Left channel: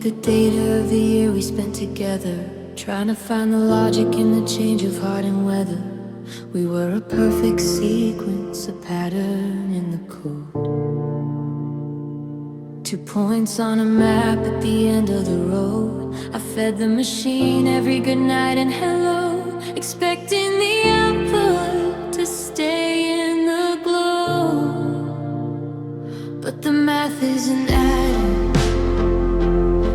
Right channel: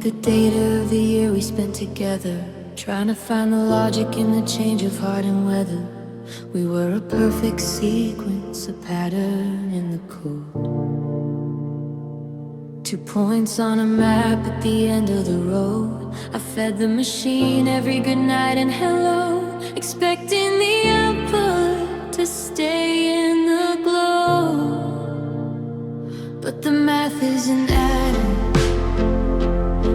the date of the year we spent together, trying to find the logic in the change of heart and weather. We were a perfect sequence, a pattern in the code. 2 points on a map at the end of the road. I fed the machine every good night and hello, expecting the output to stay in the glow. But the math isn't adding,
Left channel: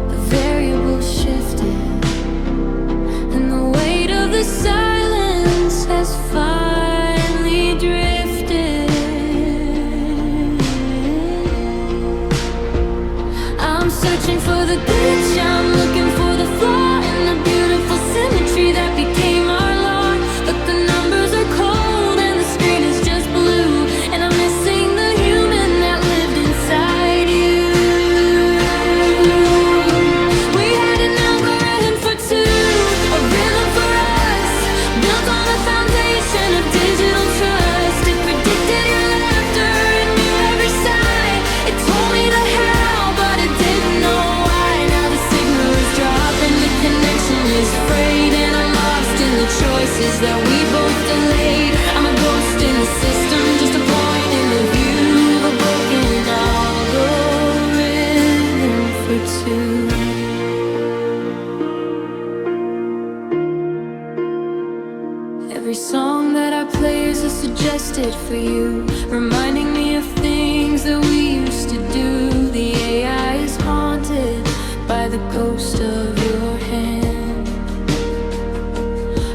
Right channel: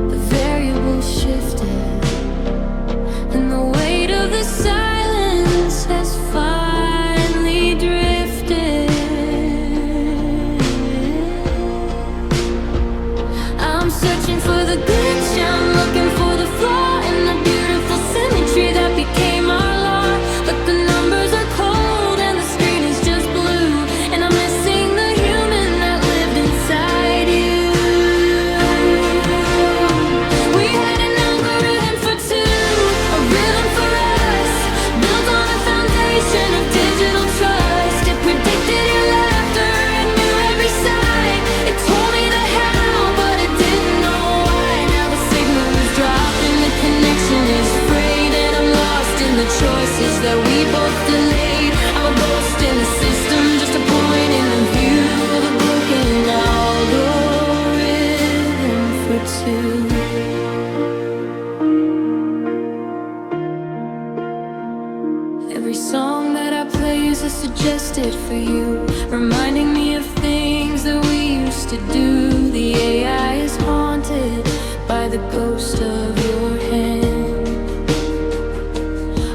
the variables shifted, and the weight of the silence has finally drifted. I'm searching for the glitch, I'm looking for the flaw in the beautiful symmetry that became our law. But the numbers are cold and the screen is just blue, and I'm missing the human that lived inside you. We had an algorithm for two, a rhythm for us, built on a foundation of digital trust. It predicted your laughter and knew every sigh. It told me the how, but it didn't know why. Now the signal is dropping, the connection is frayed, and I'm lost in the choices that we both delayed. I'm a ghost in the system, just a point in the view of a broken algorithm for two. Every song that I play is a suggested for you, reminding me of things that we used to do. The AI is haunted by the ghost of your hand,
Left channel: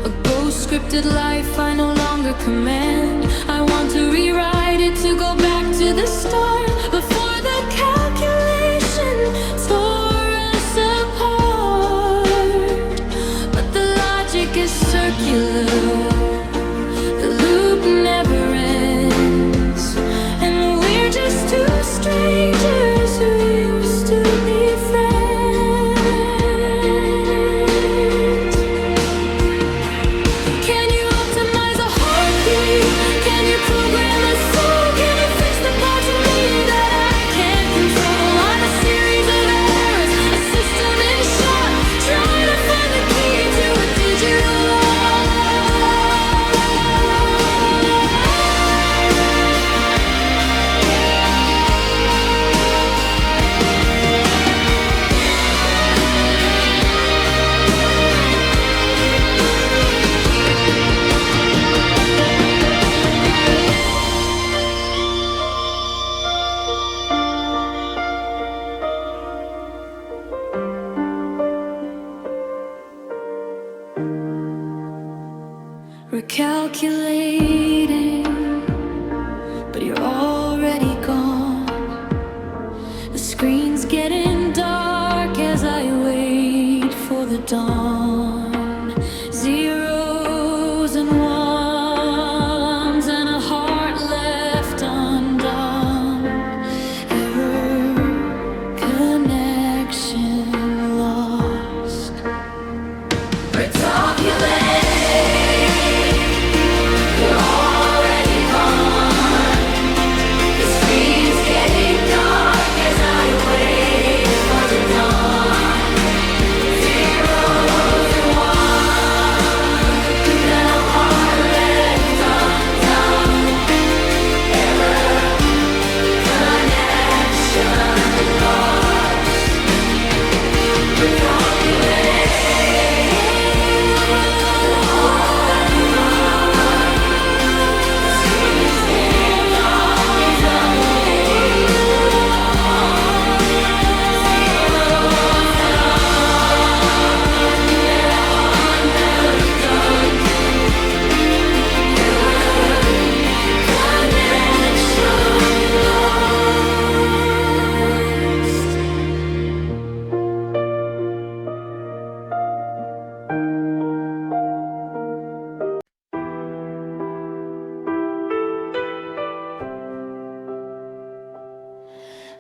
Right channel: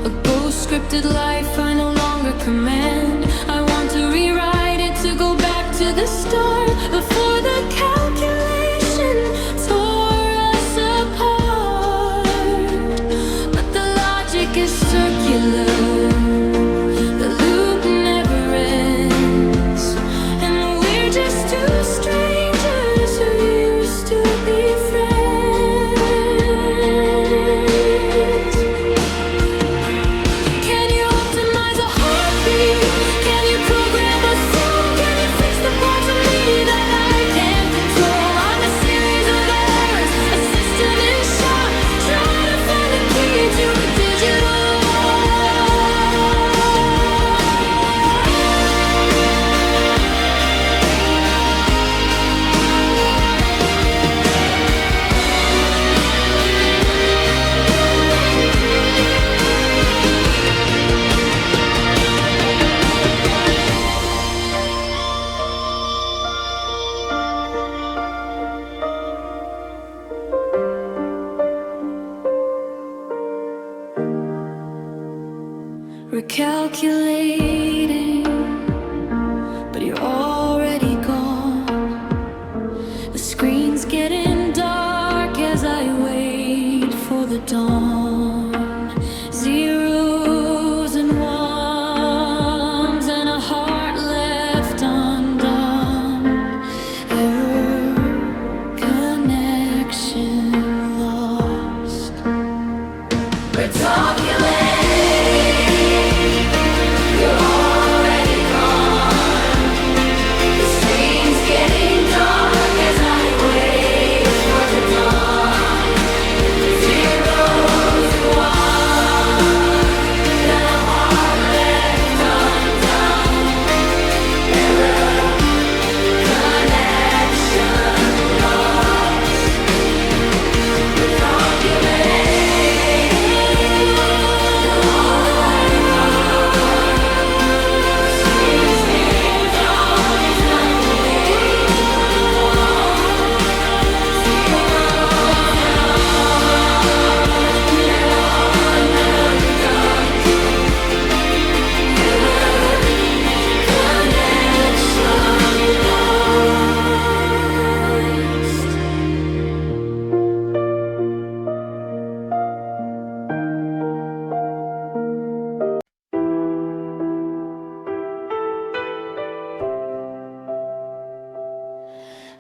a ghost-scripted life I no longer command. I want to rewrite it, to go back to the start, before the calculation tore us apart. But the logic is circular, the loop never ends, and we're just two strangers who used to be friends. Can you optimize a heartbeat? Can you program a soul? Can you fix the parts of me that I can't control? I'm a series of errors, a system in shock, trying to find the key to a digital lock. Recalculating, but you're already gone. The screen's getting dark as I wait for the dawn. Zeros and ones and a heart left undone. Error, connection lost. Recalculate.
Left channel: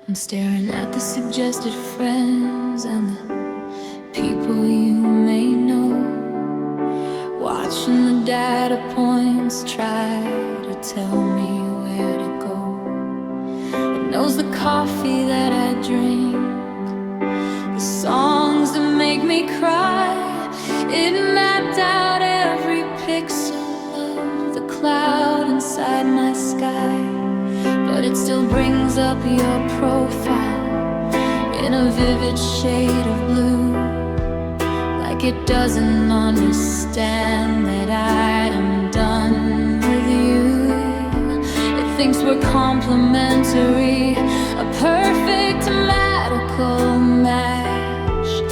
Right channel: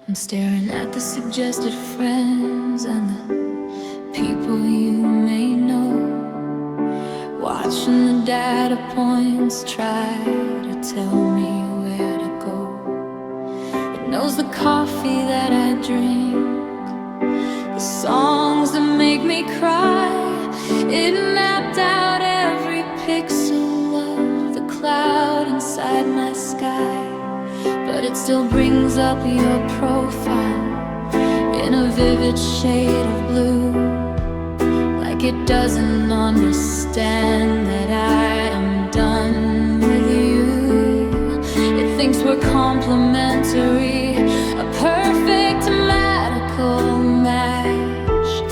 I'm staring at the suggested friends and the people you may know, watching the data points try to tell me where to go. It knows the coffee that I drink, the the songs that make me cry. It mapped out every pixel of the cloud inside my sky, but it still brings up your profile in a vivid shade of blue, like it doesn't understand that I am done with you. It thinks we're complementary, a perfect magical match,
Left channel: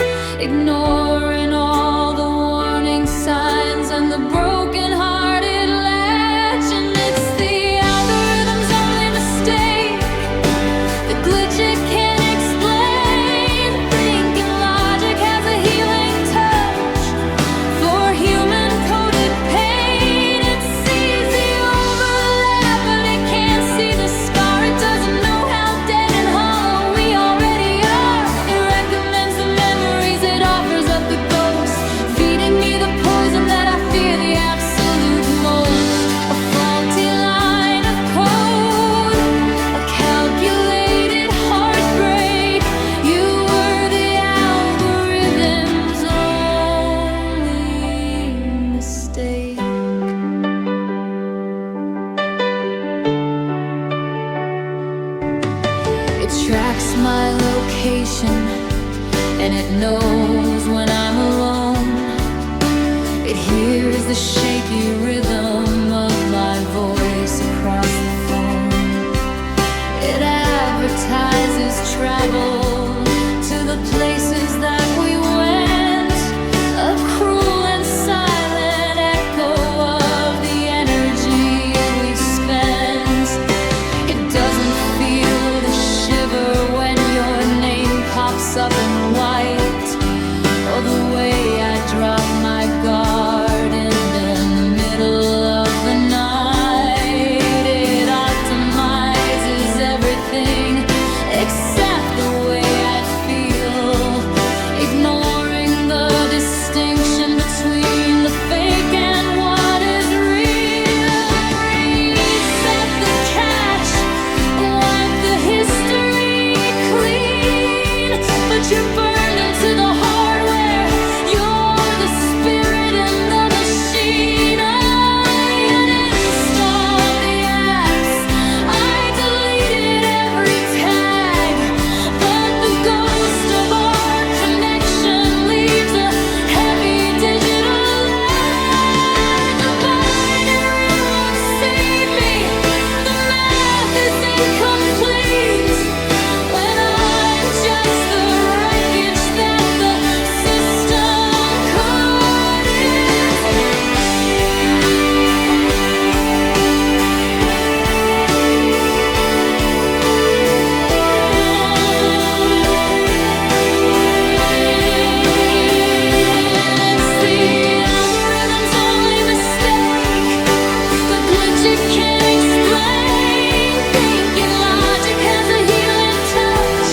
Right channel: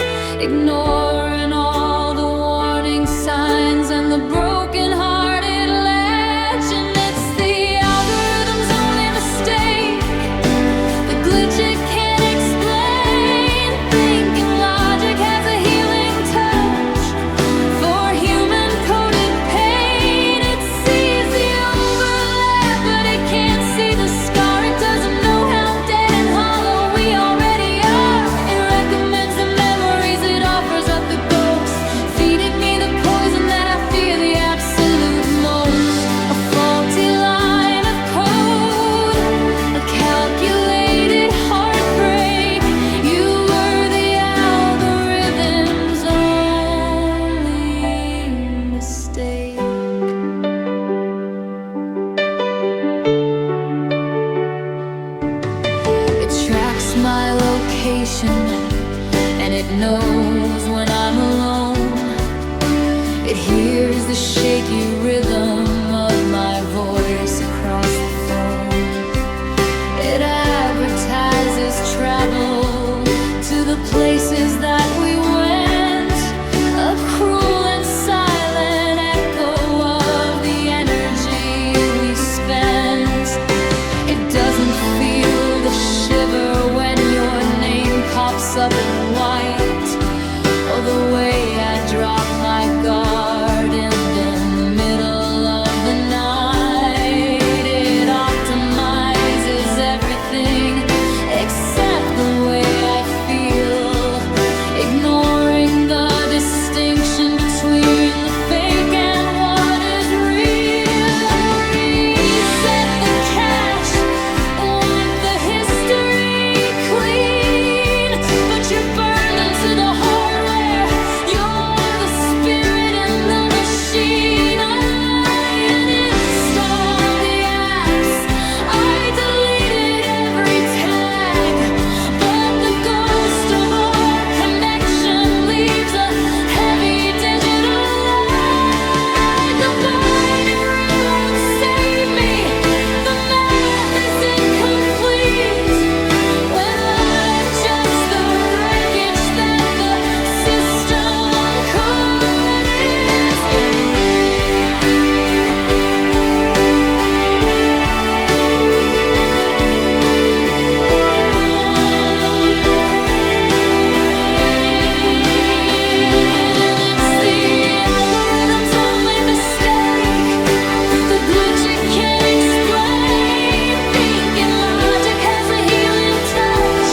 ignoring all the warning signs and the broken-hearted latch. And it's the algorithm's only mistake, the glitch it can't explain. Thinking logic has a healing touch for human-coded pain. It sees the overlap, but it can't see the scar. It doesn't know how dead and hollow we already are. It recommends the memories, it offers up the ghost, feeding me the poison that I fear the absolute most. A faulty line of code, a calculated heartbreak. You were the algorithm's only mistake. It tracks my location, and it knows when I'm alone. It hears the shaky rhythm of my voice across the phone. It advertises travel to the places that we went, a cruel and silent echo of the energy we spent. It doesn't feel the shiver when your name pops up in white, or the way I drop my guard in the middle of the night. It optimizes everything except the way I feel, ignoring the distinction between the fake and what is real. Reset the cache, wipe the history clean, but you're burned into the hardware. You're the spirit in the machine. I uninstalled the apps, I deleted every tag, but the ghost of our connection leaves a heavy digital lag. The binary won't save me, the math is incomplete when I'm just the wreckage that the system It's the algorithm's only mistake, the glitch it can't explain. Thinking logic has a healing touch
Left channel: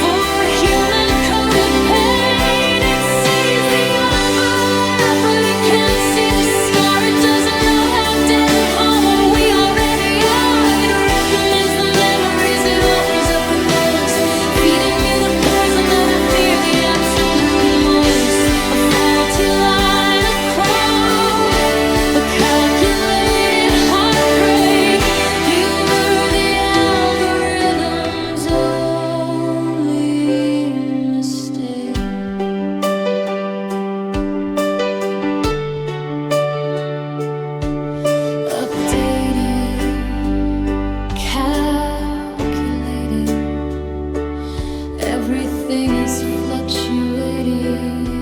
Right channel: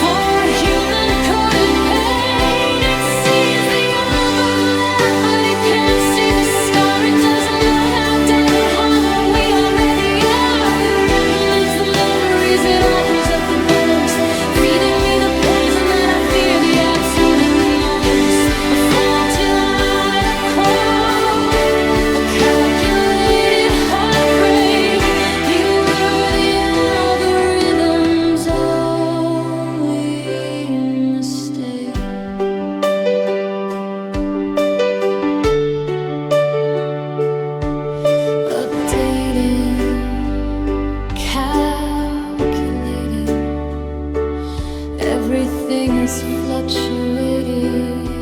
for human-coded pain. It sees the overlap, but it can't see the scar. It doesn't know how dead and hollow we already are. It recommends the memories, it offers up the ghost, feeding me the poison that I fear the absolute most. A faulty line of code, a calculated heartbreak. You were the algorithm's only mistake. Updating, calculating, everything is fluctuating.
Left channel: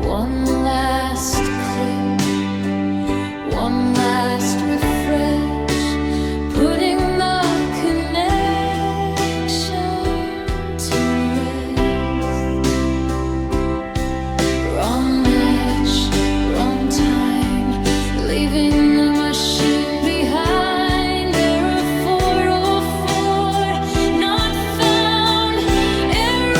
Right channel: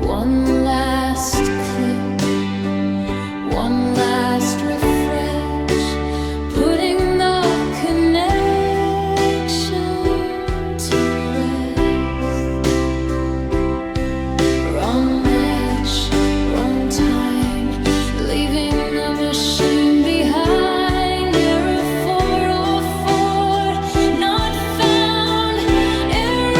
One last click, one last refresh, putting the connection to rest. Wrong match, wrong time, leaving the machine behind. Error 404, not found. Error.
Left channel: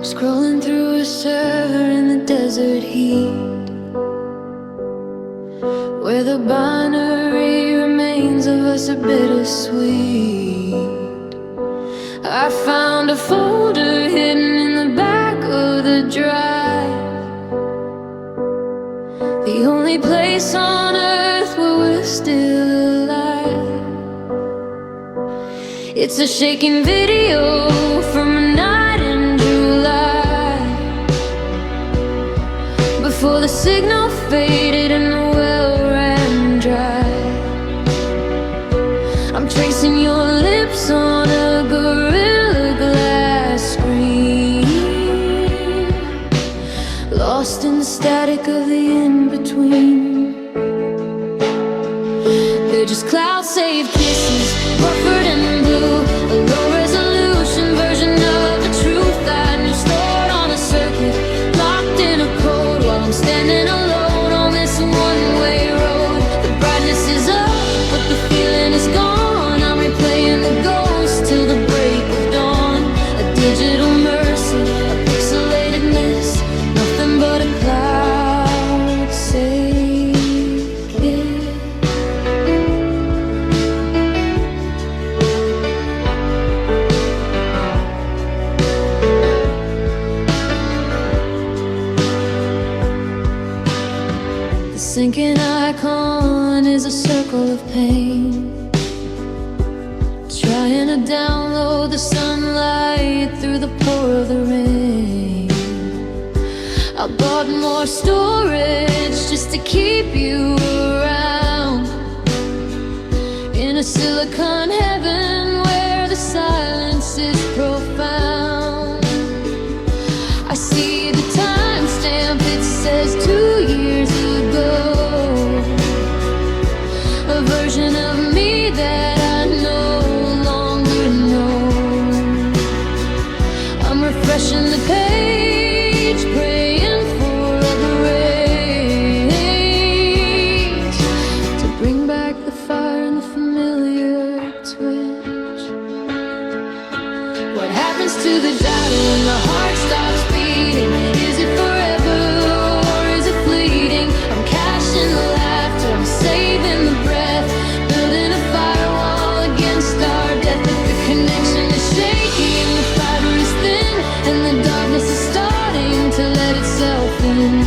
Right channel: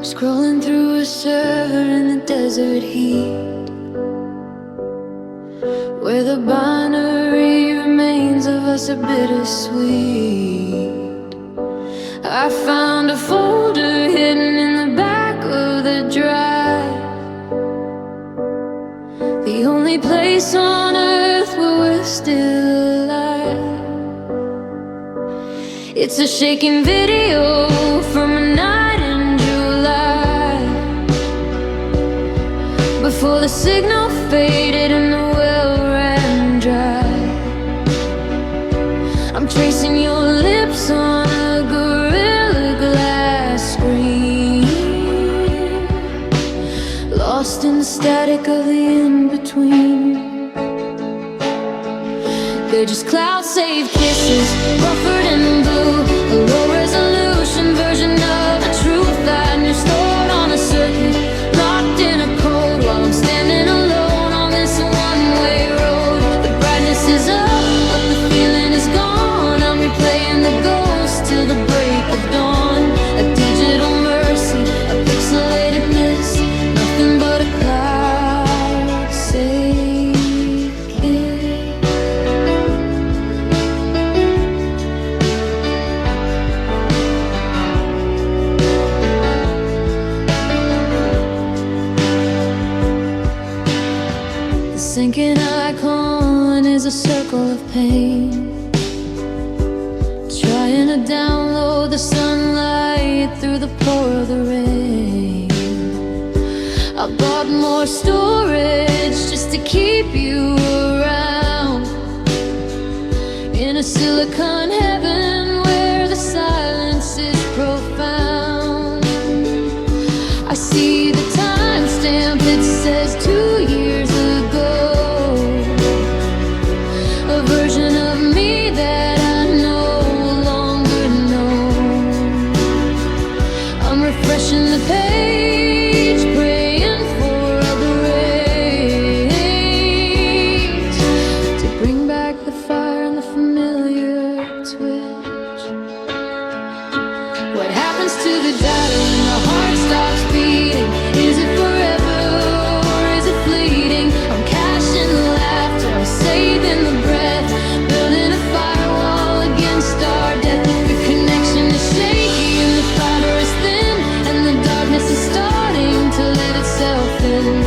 Scrolling through a server in the desert heat, where the binary remains of us are bittersweet. I found a folder hidden in the back of the drive, the only place on earth where we're still alive. It's a shaking video from a night in July, before the signal faded and the well ran dry. I'm tracing your lips on a Gorilla Glass screen, lost in the static of the in-between. They're just cloud-saved kisses, buffered in blue, a low-resolution version of the truth I knew, stored on a circuit, locked in a code, while I'm standing alone on this one-way road. The brightness is up, but the feeling is gone. I'm replaying the ghost till the break of dawn. A digital mercy, a pixelated miss, nothing but a cloud-saved kiss. The sinking icon is a circle of pain, trying to download the sunlight through the pour of the rain. I bought more storage just to keep you around, in a silicon heaven where the silence is profound. I see the timestamp, it says 2 years ago, a version of me that I no longer know. I'm refreshing the page, praying for other rays to bring back the fire and the familiar twitch. What happens to the data when the heart stops beating? Is it forever or is it fleeting? I'm caching the laughter, I'm saving the breath, building a firewall against our death. But the connection is shaky and the fiber is thin, and the darkness is starting to let itself in.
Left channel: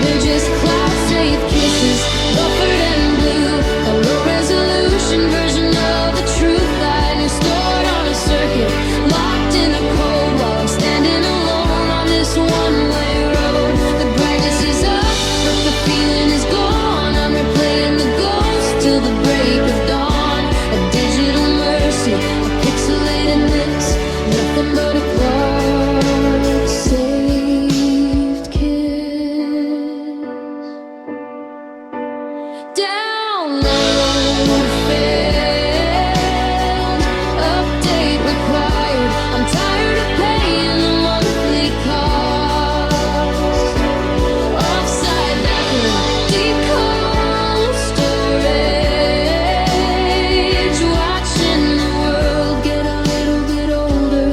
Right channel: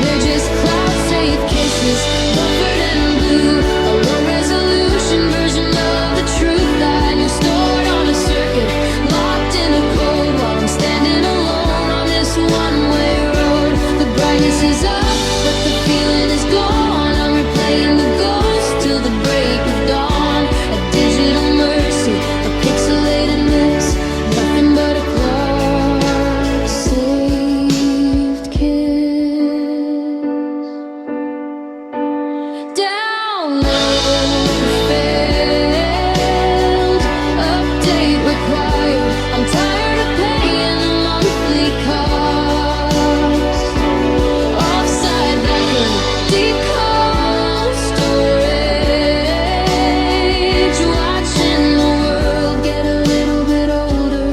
They're just cloud-safe kisses, buffered in blue, a low-resolution version of the truth I knew, stored on a circuit, locked in a code, while I'm standing alone on this one-way road. The brightness is up, but the feeling is gone. I'm replaying the ghost till the break of dawn. A digital mercy, a pixelated miss, nothing but a cloud-saved kiss. Download failed, update required. I'm tired of paying the monthly cost. Offside backup, deep cold storage, watching the world get a little bit older.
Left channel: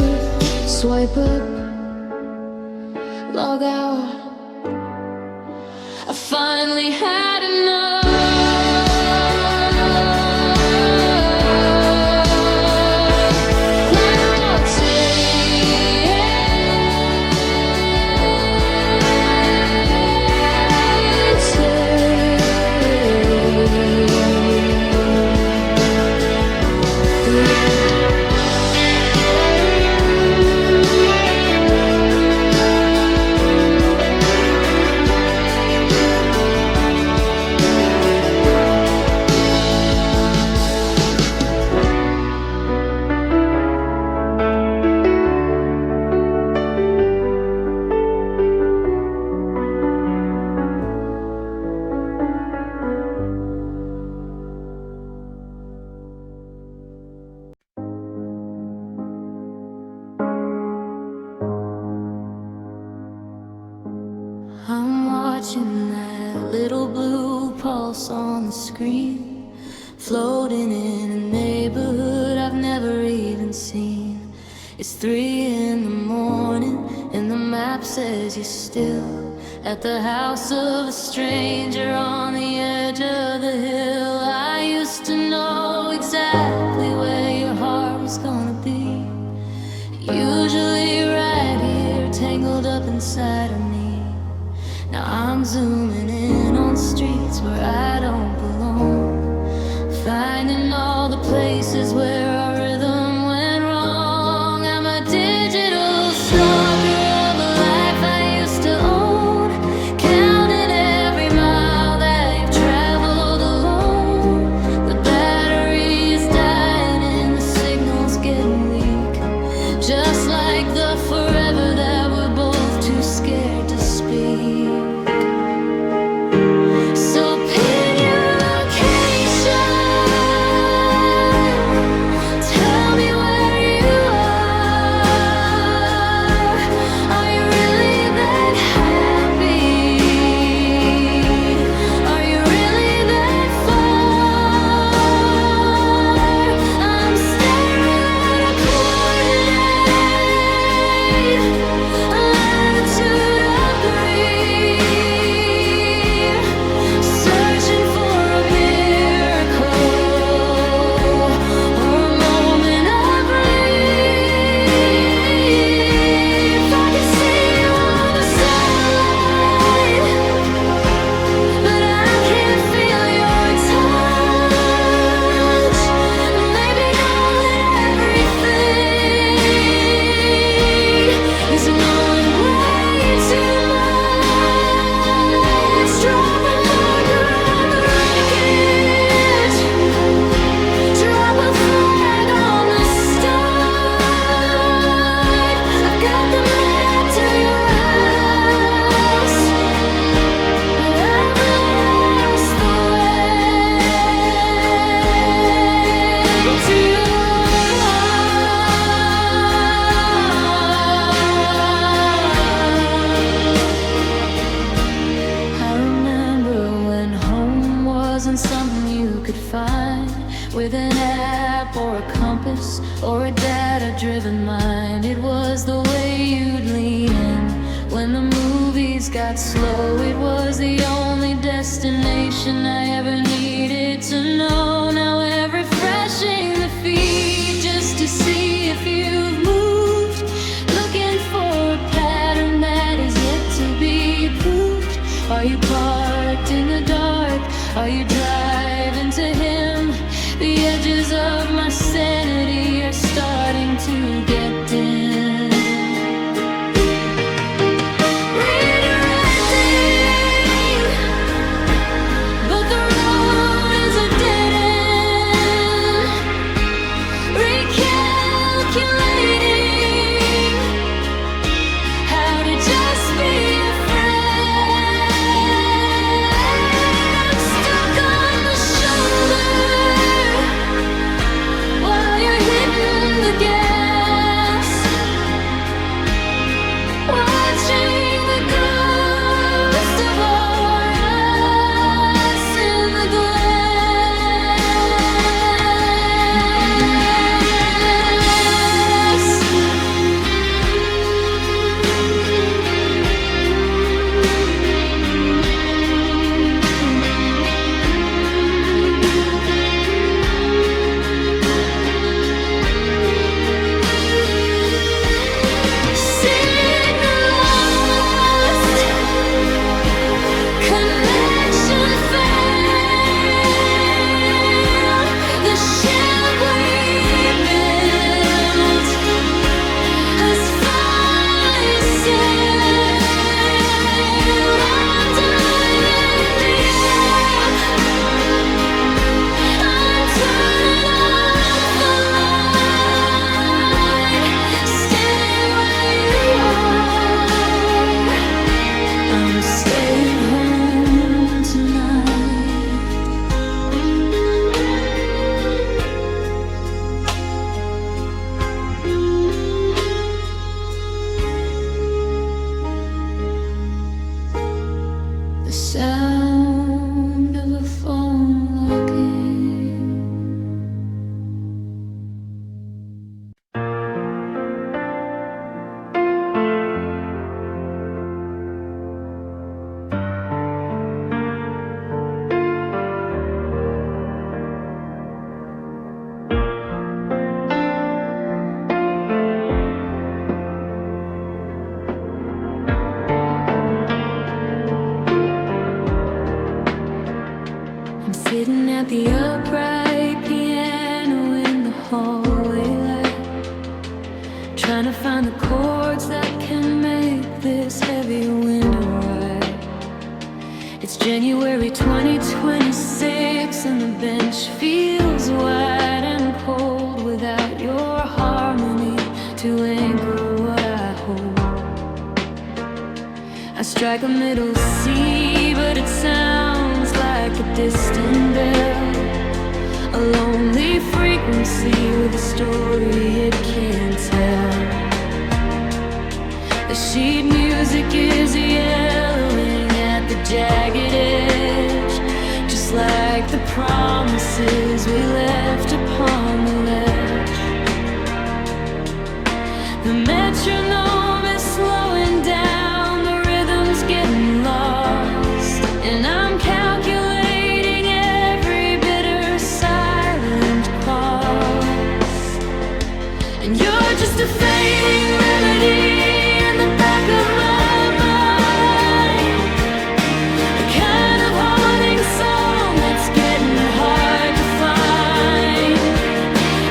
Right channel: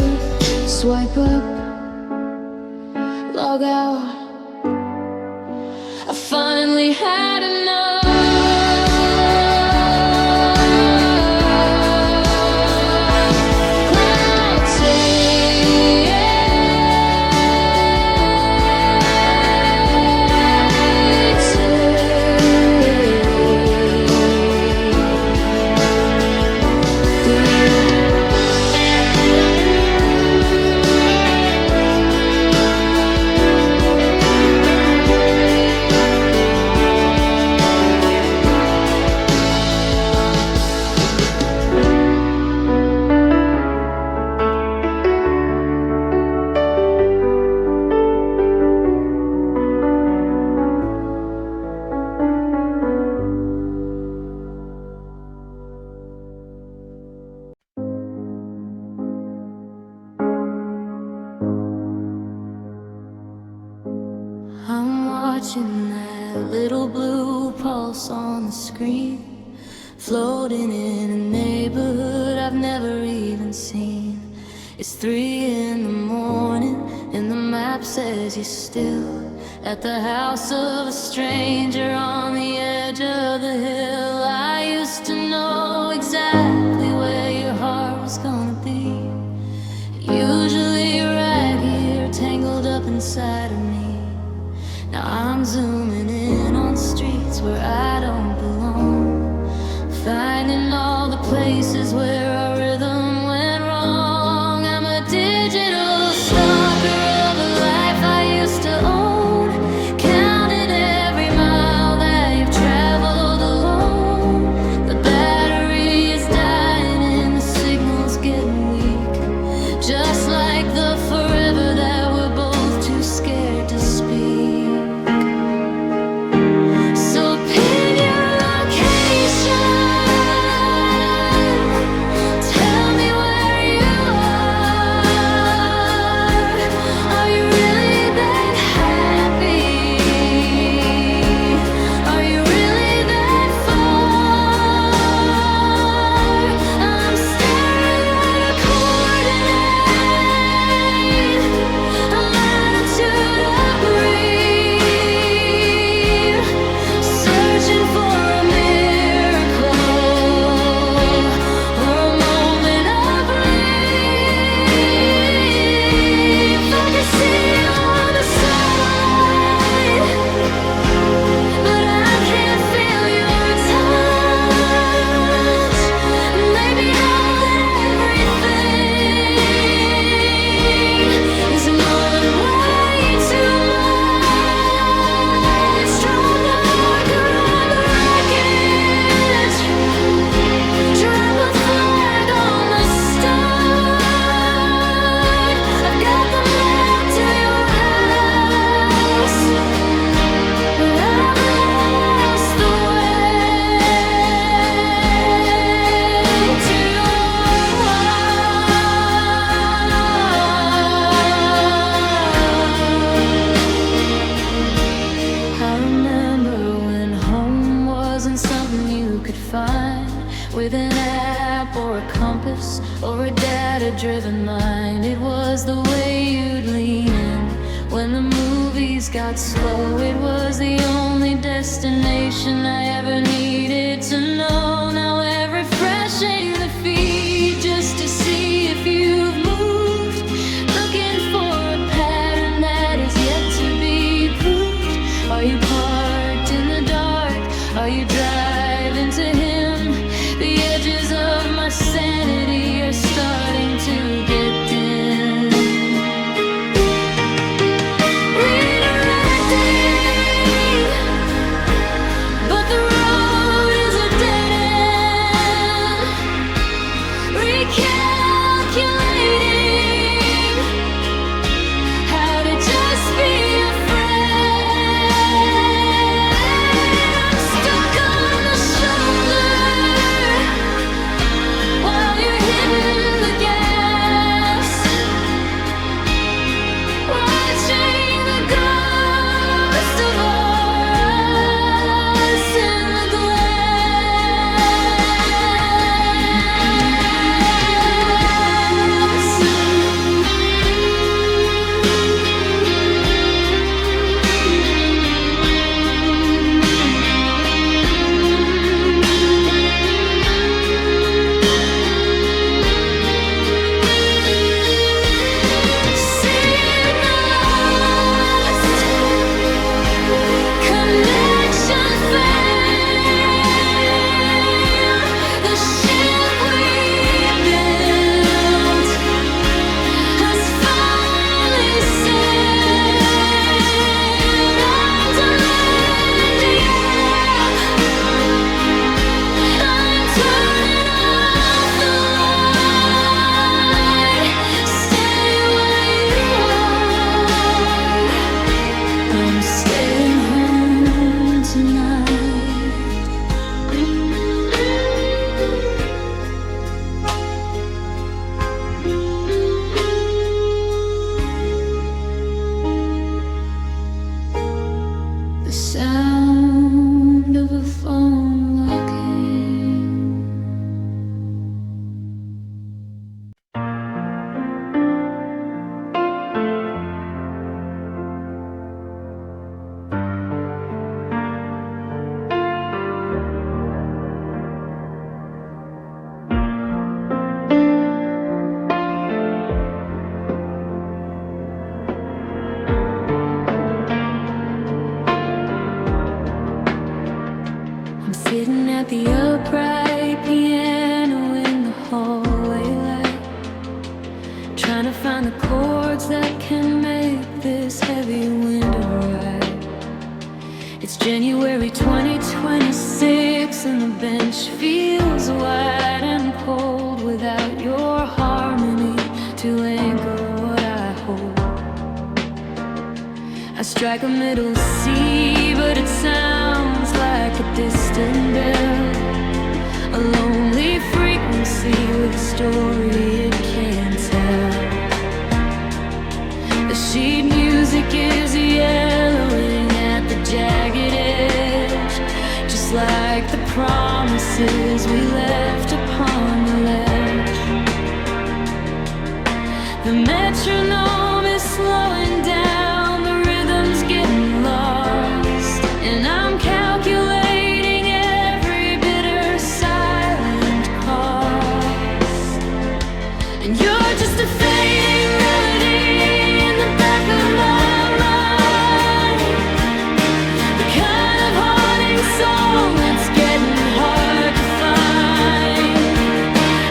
Swipe up, log out. I finally had enough. Cloud watching that little blue pulse on the screen, floating in an unseen. It's 3 in the morning and the map says you're still at the house of a stranger on the edge of the hill. I used to know exactly where your heart was gonna be, usually right here, tangled up inside of me. Now I'm zooming in on streets where I don't belong, finding all the places where our rhythm went wrong. I'm a digital stalker of a life I used to own, counting every mile that you've traveled alone. The battery is dying and the signal's getting weak, just like the forever that we're both too scared to speak. So pin your location, tell me where you are. Are you really that happy? Are you really that far? I'm staring at a coordinate, a latitude of grief, searching for a miracle or a moment of relief. I can see you on the satellite, but I can't feel your touch. Maybe knowing everything is knowing way too much. Drop a marker on the wreckage, drop a flag on the stud. I've got the map to your house, but I've lost the way to your heart. I remember when home wasn't something you could find with an app or a compass or a data-driven mind. It was the way you'd lean in when the movies got slow. It was the only destination I ever needed to know. Now we're refreshing the feed just to see if you've moved, looking for a pattern that is yet to be proved. Are you parked in the dark? Are you driving to him? The edges of my sanity are starting to get dim. Redirecting, but the road is a dead end. Recalculating how to just be a friend. I'm stuck on the shoulder while you're hitting the gas. at the upright piano in the hallway light, trying to find the chords that can make this heavy winter right. It's January 2026 and the bench feels wide and cold without your harmony to anchor what I hold. I strike a middle C, but it sounds like a distant bell, a lonely frequency with a story it can't tell. The sheet music is yellowing at the jagged edge, just like the promises we left upon the ledge. The metronome is slowing down, the rhythm's getting lost, and I'm calculating every bitter silent cost. And you're just a fading melody in the back of my mind, the kind of haunting song that's getting hard to find.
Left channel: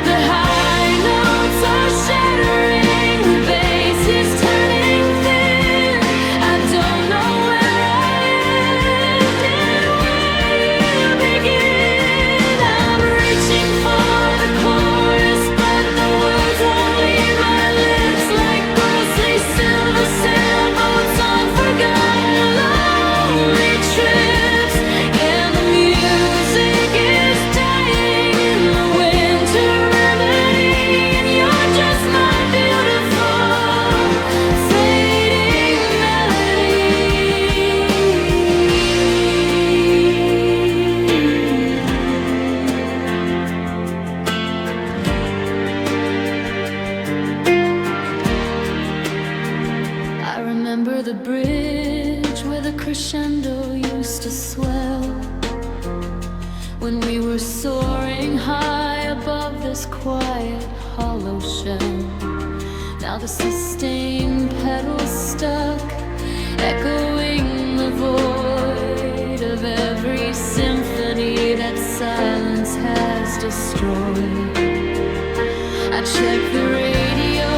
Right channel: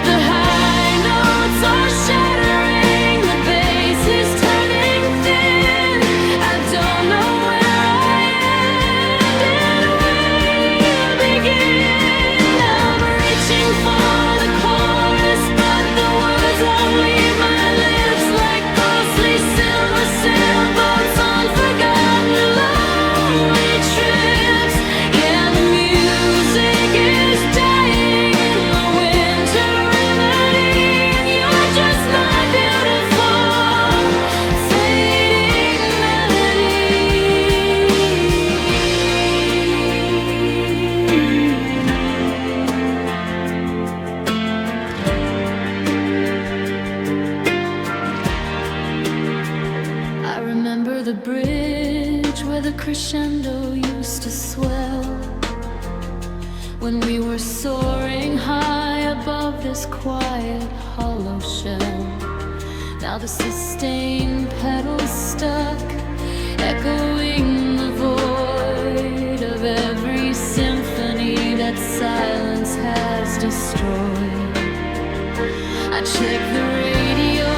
The high notes are shattering, the bass is turning thin. I don't know where I end and where you begin. I'm reaching for the chorus, but the words won't leave my lips, like ghostly silver sailboats on forgotten lonely trips. Yeah, the music is dying in the winter remedy, and you're just my beautiful fading melody. I remember the bridge where the crescendo used to swell, when we were soaring high above this quiet hollow shell. Now the sustained pedals stuck, echoing the void of every symphony that silence has destroyed. I check the radio,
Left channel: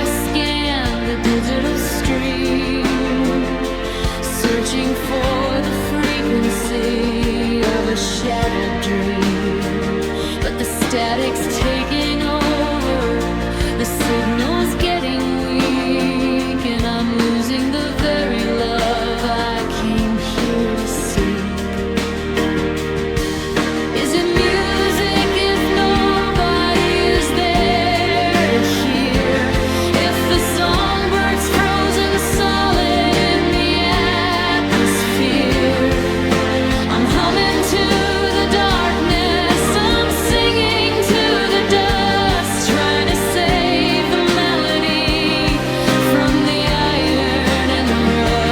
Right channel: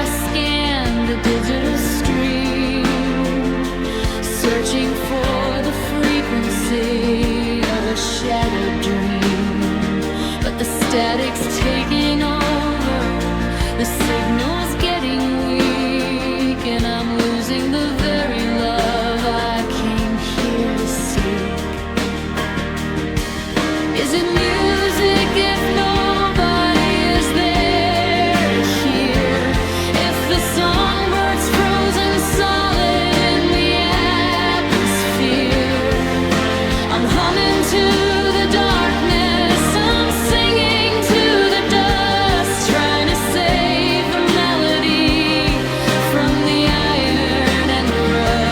I scan the digital stream, searching for the frequency of a shattered dream. But the static's taking over, the signal's getting weak, and I'm losing the very love I came here to seek. Is it music if nobody is there to hear? If the songbird's frozen solid in the atmosphere, I'm humming to the darkness, I'm singing to the dust, trying to save the melody from the iron and the rust.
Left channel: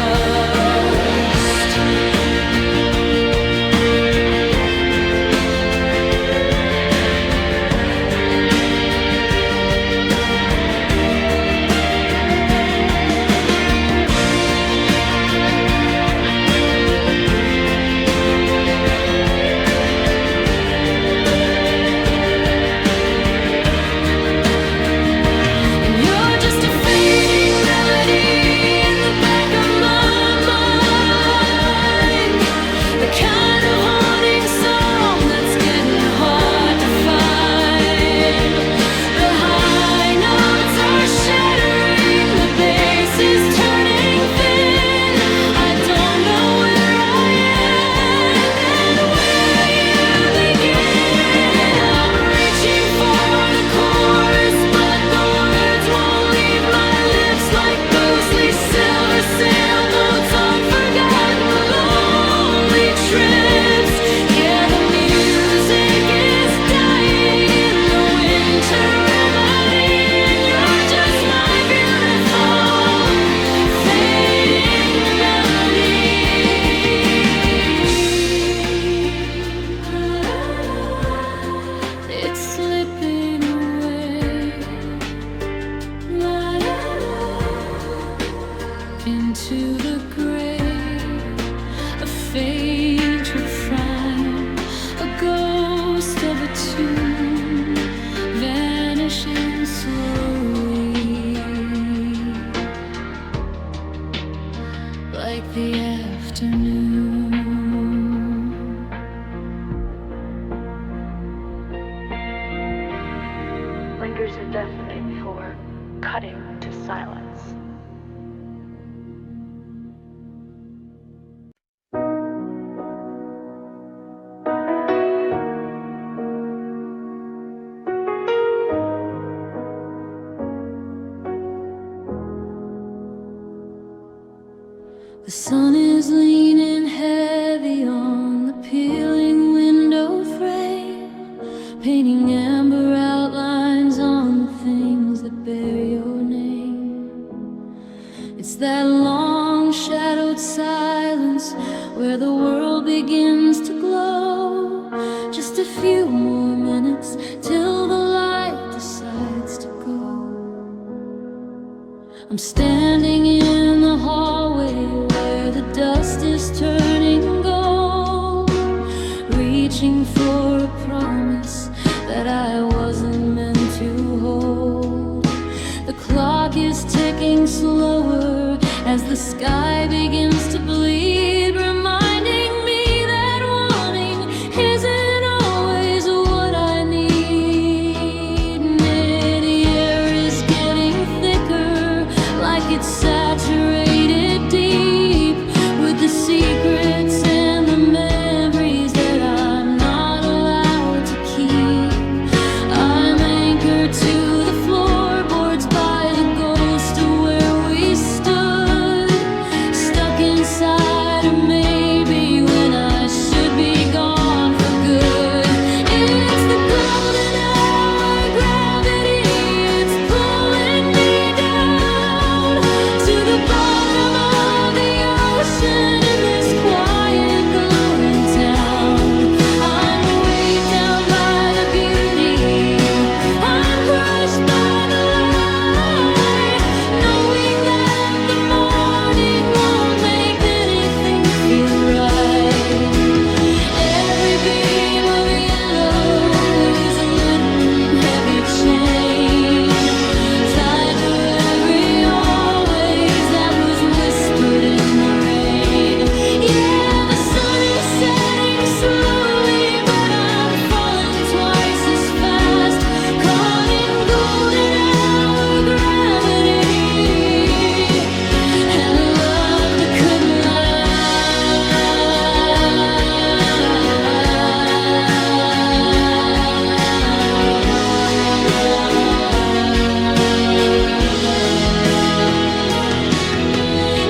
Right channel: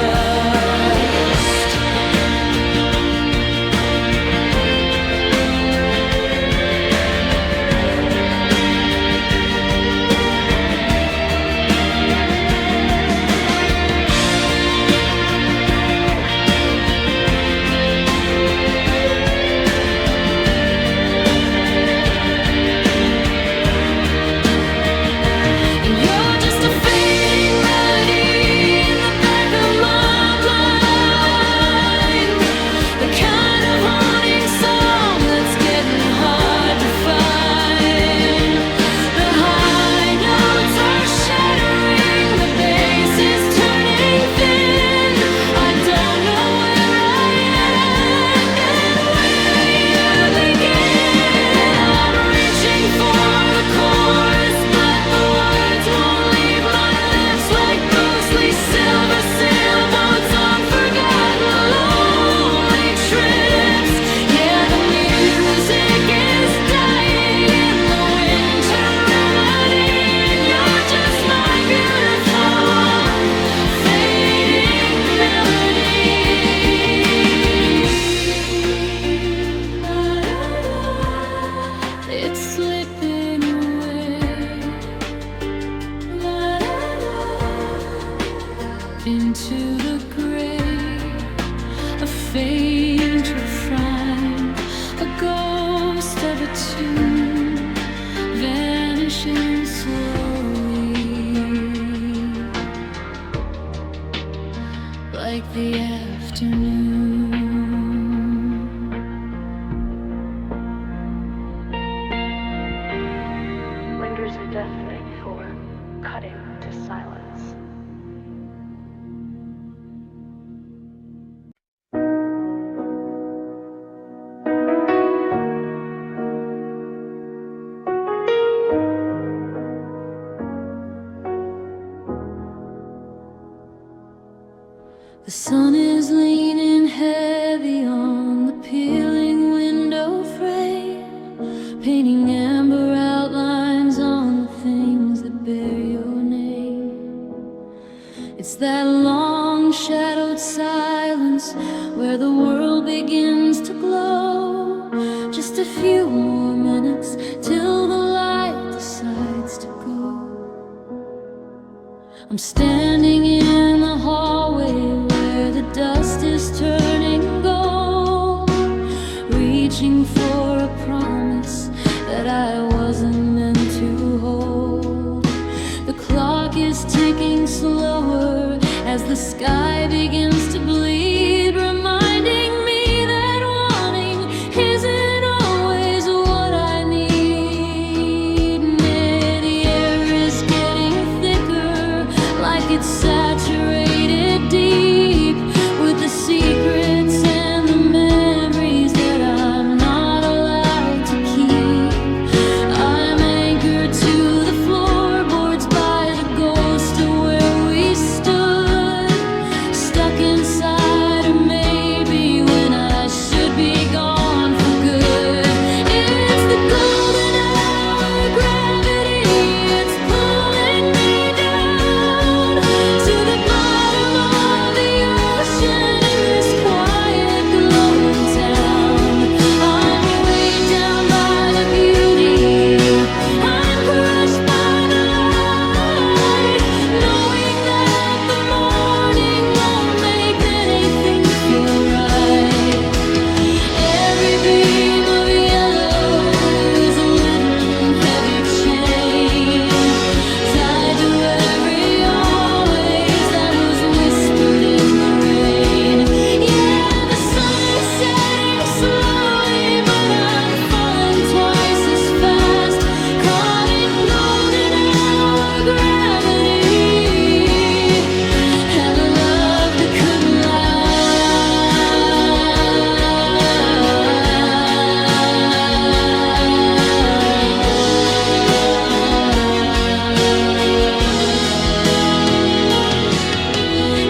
And you're just a fading melody in the back of my mind, the kind of haunting song that's getting hard to find. The high notes are shattering, the bass is turning thin. I don't know where I end and where you begin. I'm reaching for the chorus, but the words won't leave my lips, like ghostly silver sailboats on forgotten lonely trips. Yeah, the music is dying in the winter remedy, and you're just my beautiful fading melody. It's slipping away, into the gray, a faint refrain, a ghost of a tune vanishing slowly, like the afternoon. Lingers indefinite for cutting to silence. The sun is leaning heavy on the peeling window frame, painting amber outlines on the things that bear your name. It's that long shadowed silence where the world begins to glow. Just a few more minutes till the light decides to go. I'm standing in the hallway where the dust is turning gold, reaching for a promise that I wasn't meant to hold. The clock is ticking slower as the sky begins to bleed, reminding me that wanting isn't always what I need. And the air is getting thicker, like it's saturated deep with the secrets and the memories that I'm not allowed to keep. I'm anchored to the floorboards by the ghost of where we stood, stuck inside, or maybe when I should be gone for good. It's the golden hour gravity, it's pulling me down to the bottom of the ocean in this quiet, glowing town. I'm weighed down by the beauty, I'm crushed by the light, knowing that the morning won't make anything feel right. Every beam of yellow is a little heavy chain, tied to every always that was whispered in the rain. Yeah, the sun is setting slowly, but I'm falling twice as fast, caught in golden hour gravity, and a love that couldn't last.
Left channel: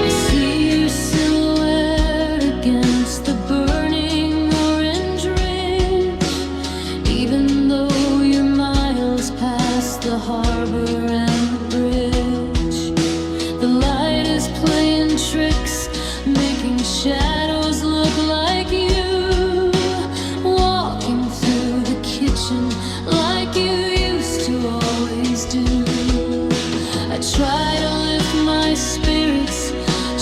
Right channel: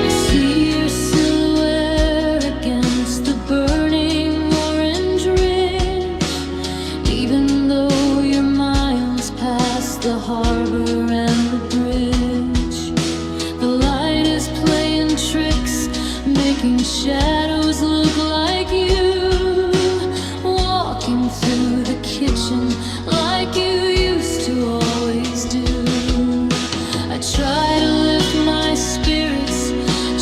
I see your silhouette against the burning orange ridge, even though you're miles past the harbor and the bridge. The light is playing tricks, making shadows look like you, walking through the kitchen like you used to always do. I try to lift my spirits,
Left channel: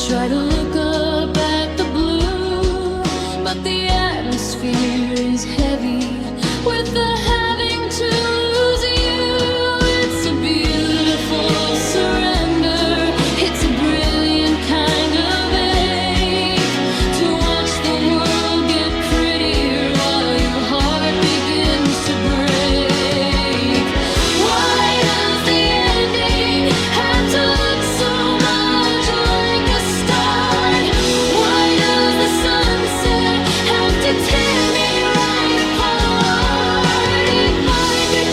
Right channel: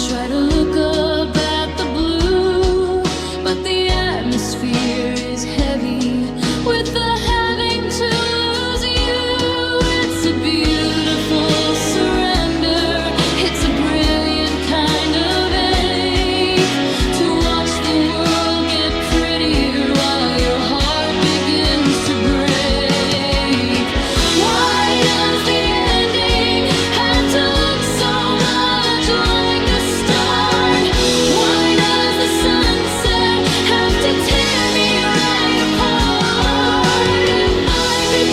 try to look up at the blue, but the atmosphere is heavy with the having to lose you. It's a beautiful surrender, it's a brilliant kind of ache to watch the world get prettier while your heart begins to break. Why does the ending have to look so much like a start? Why does the sunset have to tear me right apart? If I could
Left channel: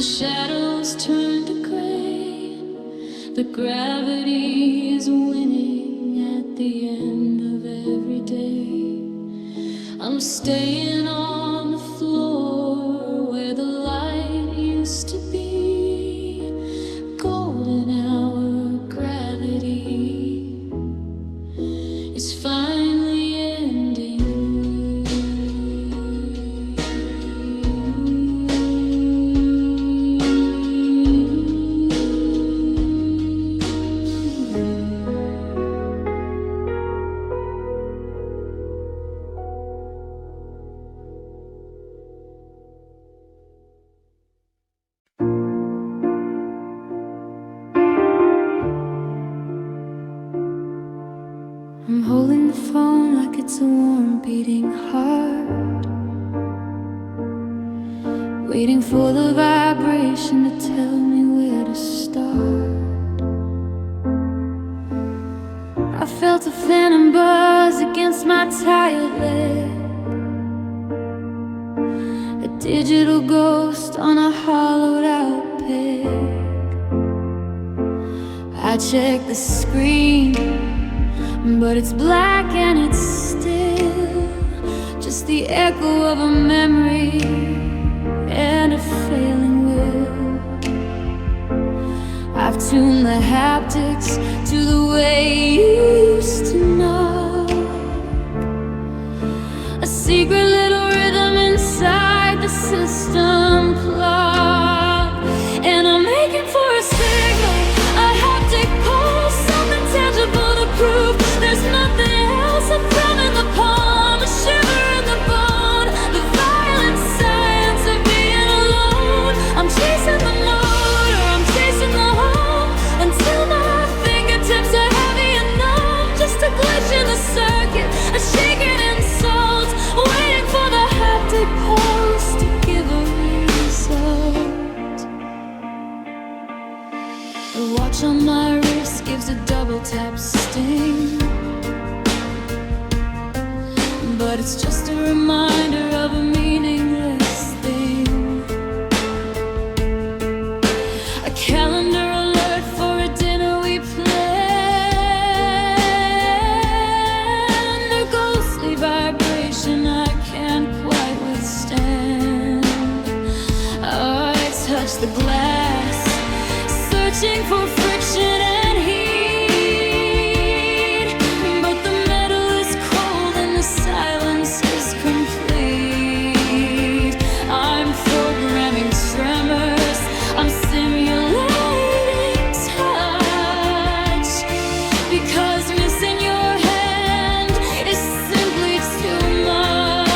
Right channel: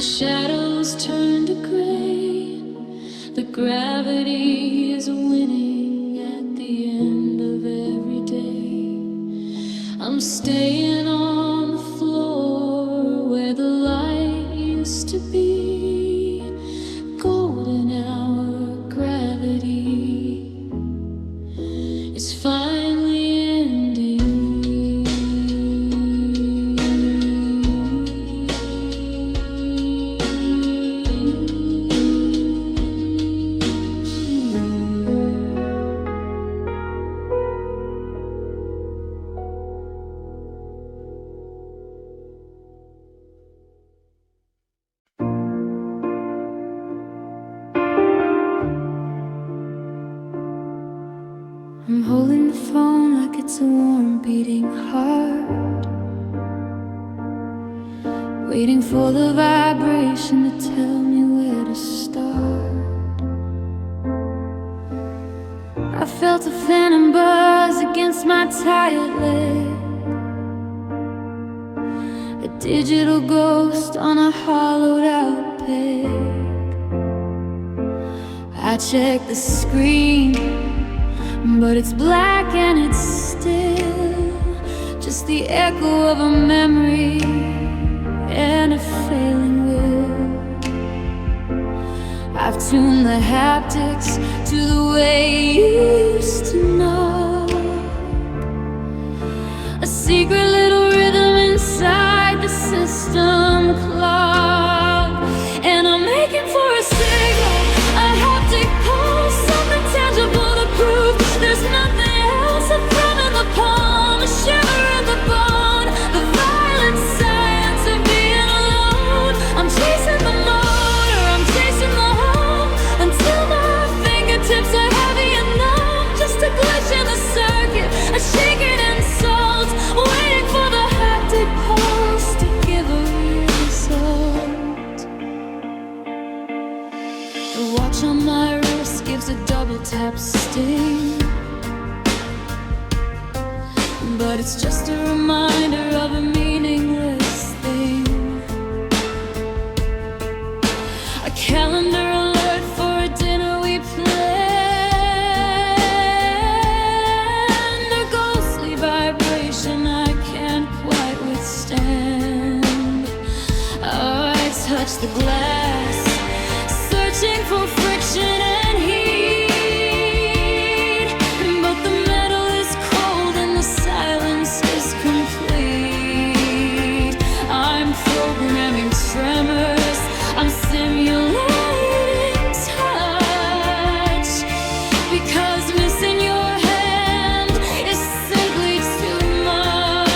The shadows turn to gray. The gravity is winning at the end of every day. I'm staying on the floor where the light used to be. Golden hour gravity is finally ending. I'm holding the phone like it's a warm beating heart, waiting for the vibration to tell me where to start. I felt a phantom buzz against my tired leg, a digital ghost on a hollowed out peg. I checked the screen, but it's black and it's still just the echo of a memory and a failing will. I've tuned the haptics to the way you used to know, a secret little rhythm inside the system clock. And I'm making for a signal, a haptic pulse, something tangible to prove there's nothing else. A thrum in the palm, a shiver in the bone, the violent science of being alone. I'm chasing the motor, I'm chasing the home, until my fingertips are heavy and numb. Just a glitch in the circuit, a shaking insult, waiting for the haptic pulse to give a result. The watch on my wrist gives a double tap sting, but it's just a reminder of a meaningless thing. A calendar alert for a dinner we planned, a ghostly vibration I can't quite withstand. I touch the glass, searching for friction and heat, but the metal is cold and the silence is complete. I'm programming tremors, I'm simulating touch, because missing your hand is simply too much.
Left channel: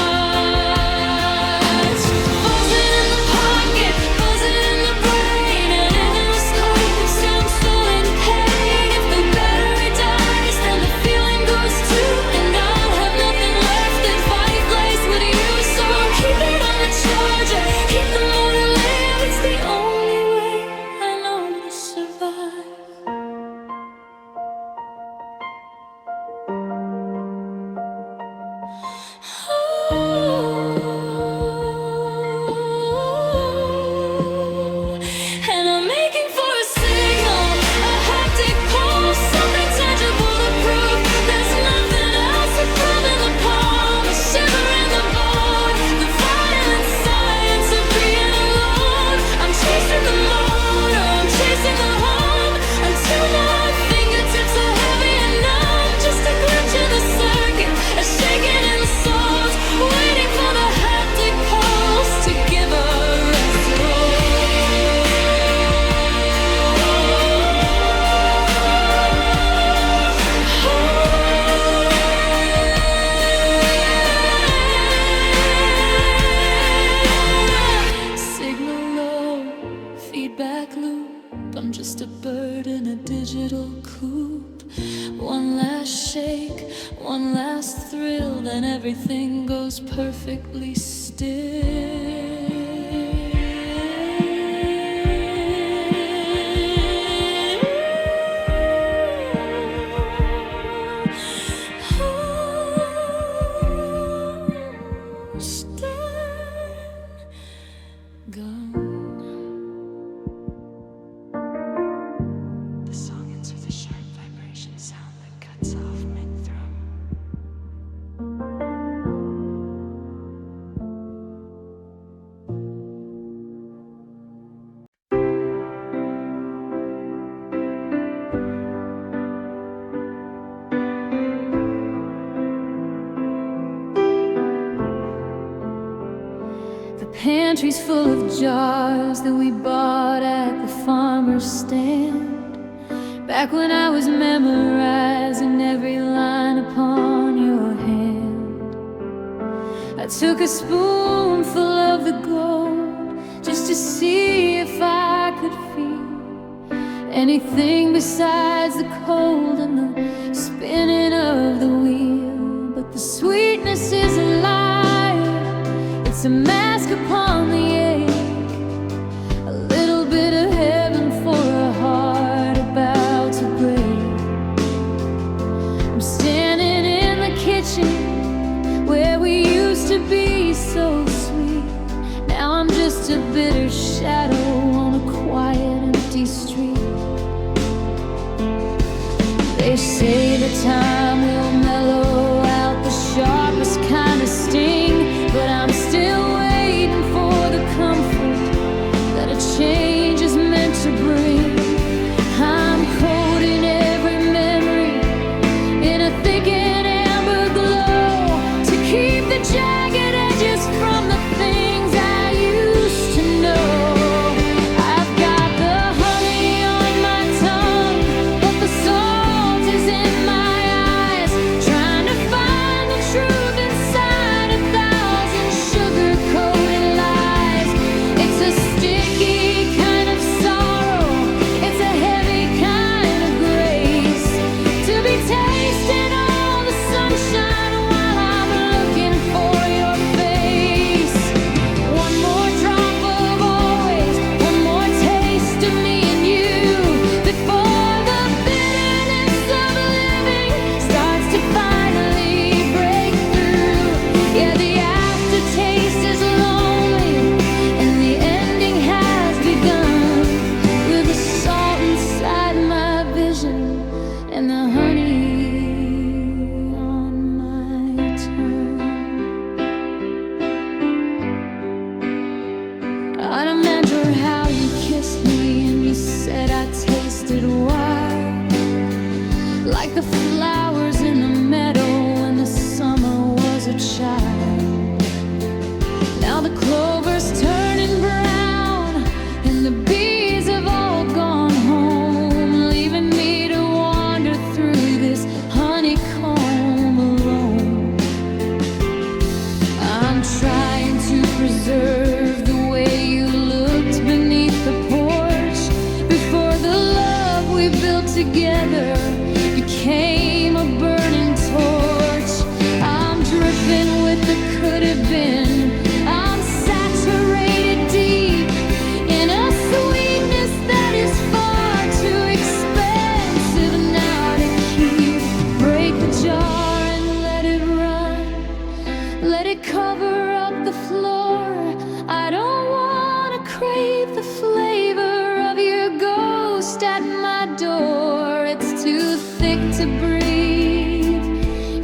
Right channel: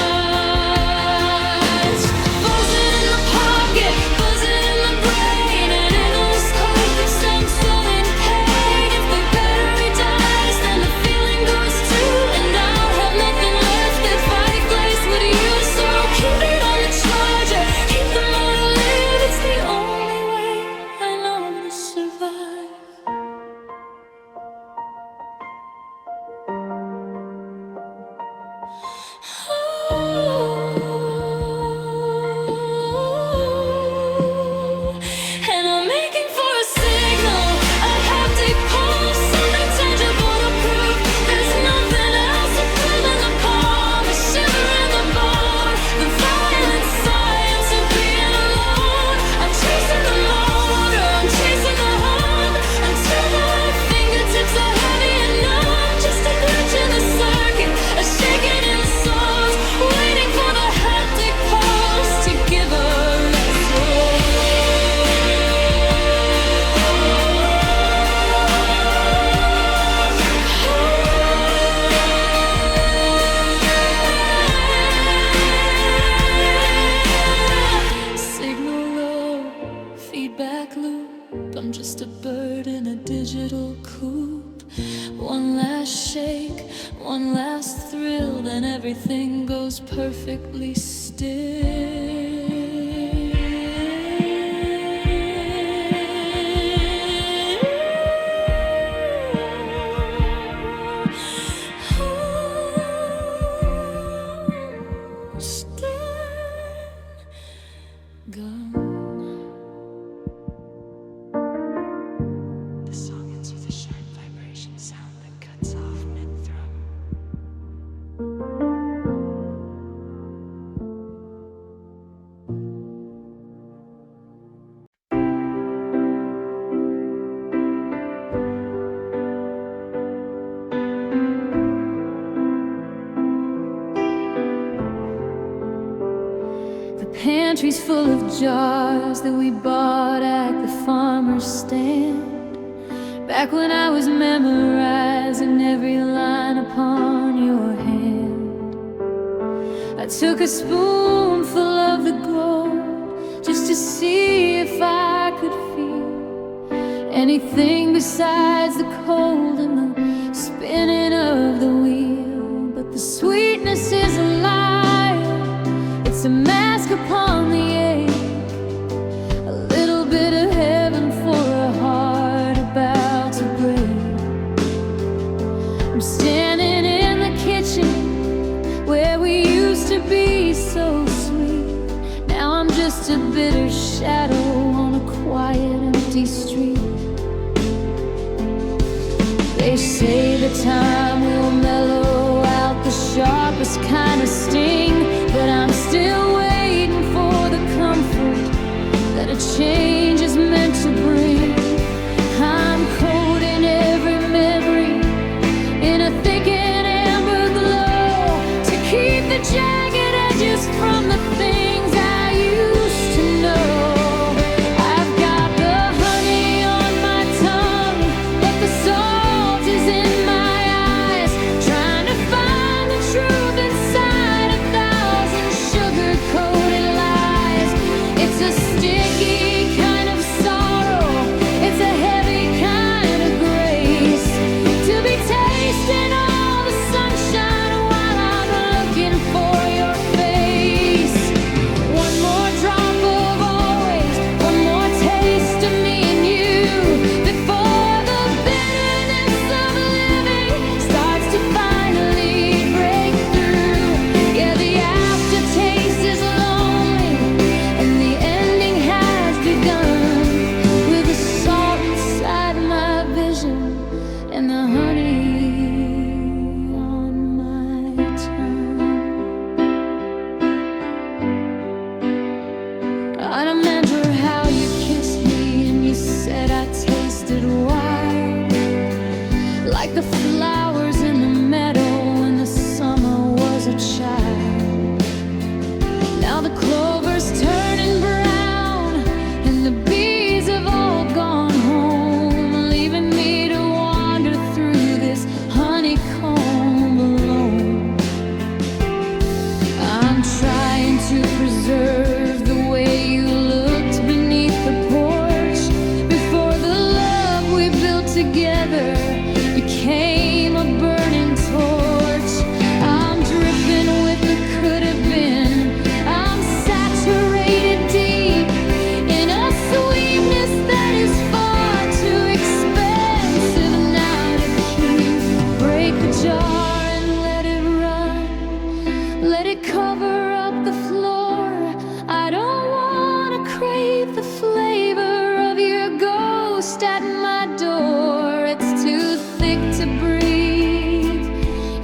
Buzzing in the pocket, buzzing in the brain, and in the scope of some soul in pain. If the battery dies, then the feeling goes too, and I'll have nothing left that fireplace would use. So keep it on the charger, keep the motor lit. It's the only way I know to survive. And I'm making for a signal, a haptic pulse, something tangible to prove there's nothing else. A thrum in the palm, a shiver in the bone, the violent science of being alone. I'm chasing the motor, I'm chasing the hum, until my fingertips are heavy and numb. Just a glitch in the circuit, a shaking insult, waiting for the haptic pulse to give a result. Signal low, feedback loop, I'm just a bird in a digital coop. One last shake, one last thrill, then everything goes perfectly still. Stand gone. pantry's full of jars that we bought at the farmer's stand. Back when I was memorizing every line upon your hand, I took a spoonful of the gold just to see if I could feel anything besides the cold and the spinning of the wheel. But the sweetness is a liar, it's a mask upon the ache, a little bit of heaven for a heart about to break. I'm standing in the kitchen where we used to be so sweet. Now I'm just a bitter shadow on a quiet, empty street. They say the time will mellow out the sharpest kind of sting, but I'm still waiting for the comfort that a change is meant to bring. I'm coating every memory in a thick and amber glow to keep the jagged edges from the things I used to know. I've got the honey on my tongue, but the salt is in my eyes, trying to find the truth inside 1,000 sugar-coated lies. It's a sticky kind of sorrow, it's a heavy kind of grace, to be tasting all the sunshine while I'm looking for your face. One more drop of always, one more taste of me and you, before the bitterness of living starts to finally break through. Yeah, the aftertaste is lonely and the ending has begun, with the salt inside my vision and the honey on my tongue. I remember how you kissed me and you said I tasted wild, like the flowers in the meadow when the summer was a child. Now the clover's turning brown and the bees have all gone home, leaving me to wander through this honeycomb alone. I'm trying to preserve the way you looked beneath the porch before the love we built together became a burning torch. I'm dripping with the could have been, I'm saturated deep in a sweetness that is far too expensive now to keep. Break the jar and let it run, let it cover up the floor. I don't wanna crave the flavor of your ghost at my door. It's too thick to breathe,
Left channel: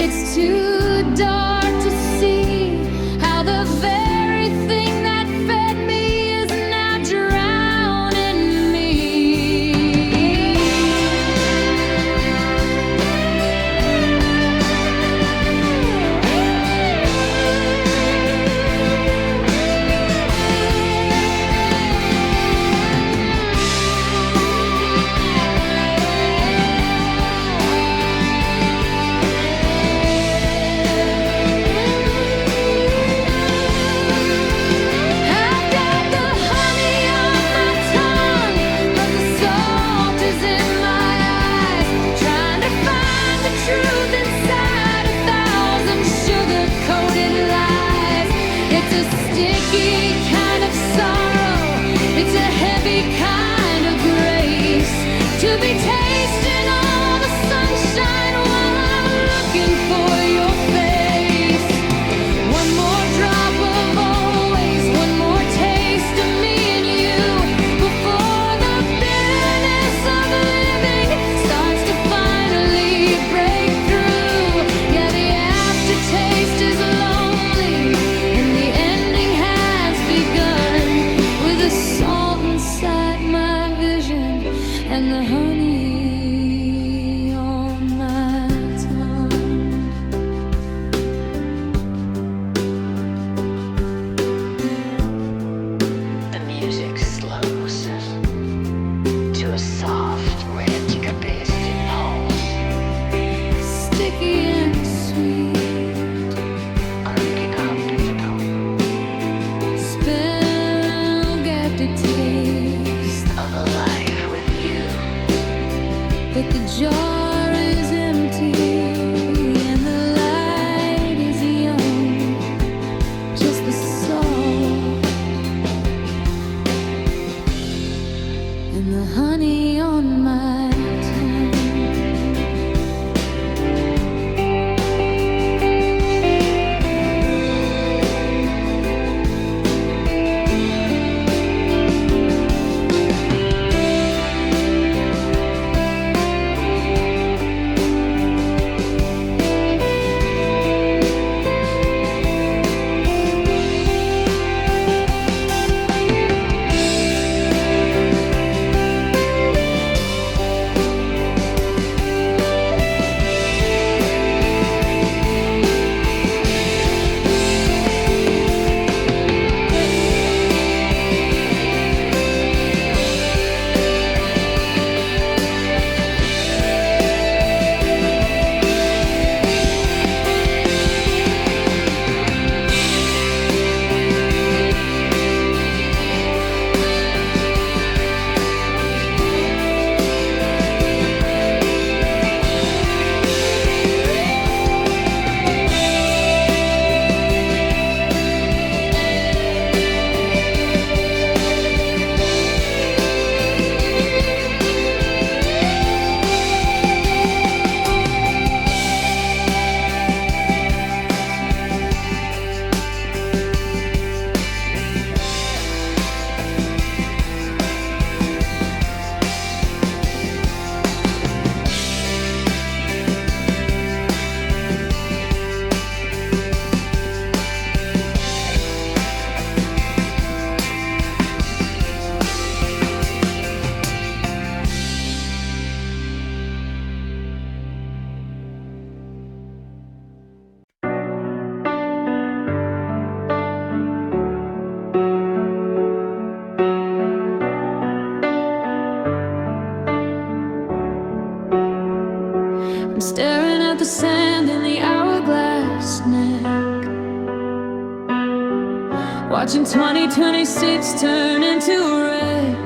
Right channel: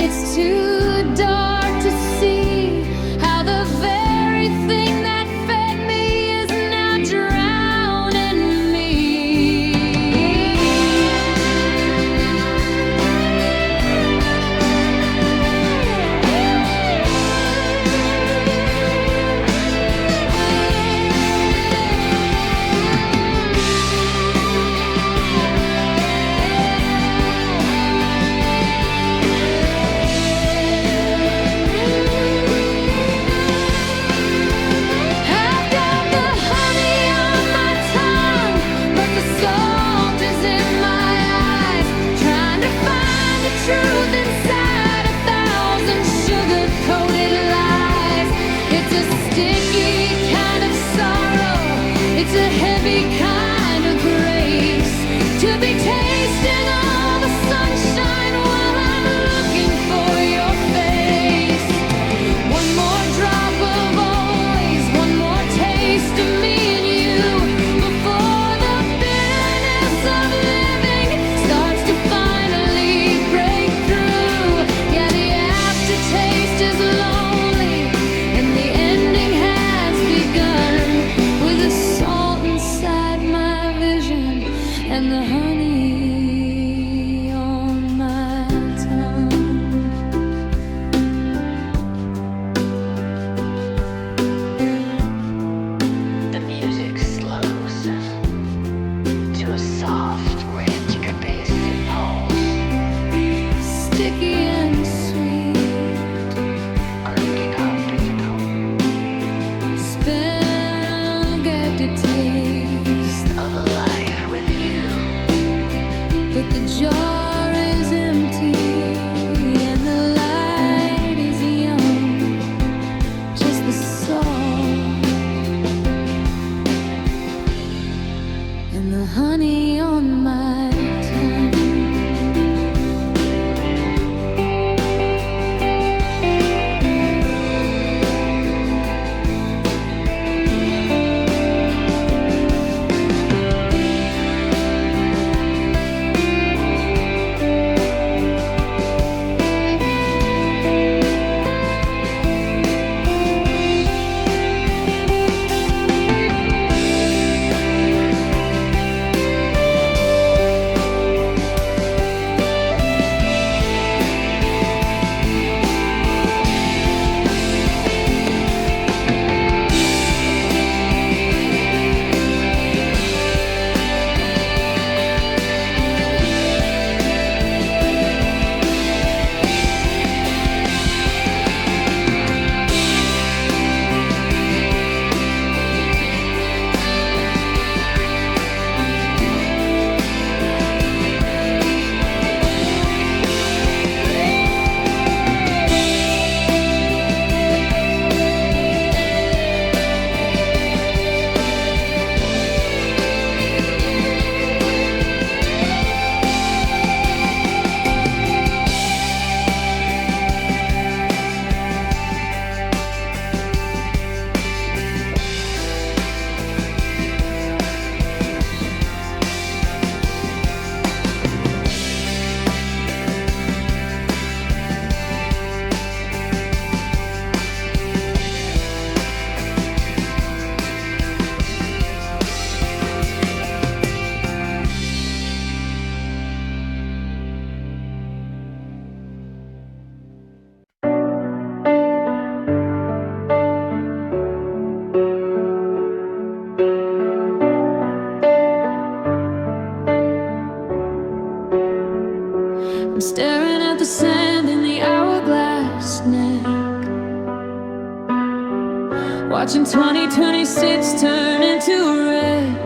it's too dark to see how the very thing that fed me is now drowning me. I've got the honey on my tongue, but the salt is in my eyes, trying to find the truth inside 1,000 sugar-coated lies. It's a sticky kind of sorrow, it's a heavy kind of grace, to be tasting all the sunshine while I'm looking for your face. One more drop of always, one more taste of me and you, before the bitterness of living starts to finally break through. Yeah, the aftertaste is lonely and the ending has begun, with the salt inside my vision and the honey on my tongue. milky and sweet. Spell get the taste Of a life with you. but the jar is empty and the light is young, just the salt and the honey on my tongue. I'm staring at the sand in the hourglass neck, watching 2026 turn into a wreck.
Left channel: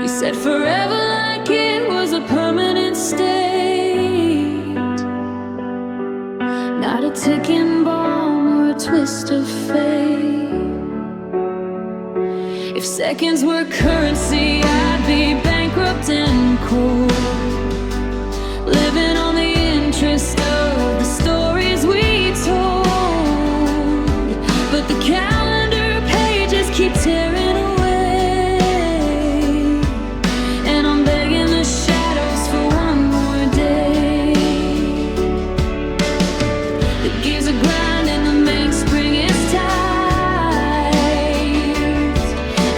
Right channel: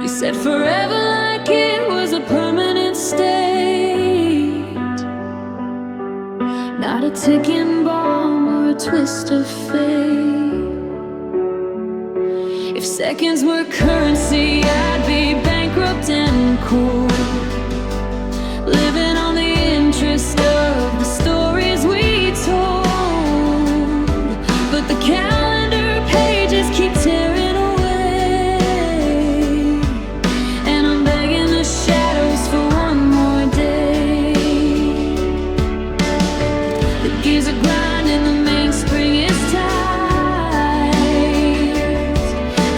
You said forever like it was a permanent state, not a ticking bomb or a twist of fate. If seconds were currency, I'd be bankrupt and cold, living on the interest of the stories we told. But the calendar pages keep tearing away, and I'm begging the shadows for one more day. The gears are grinding, the mainspring is tight,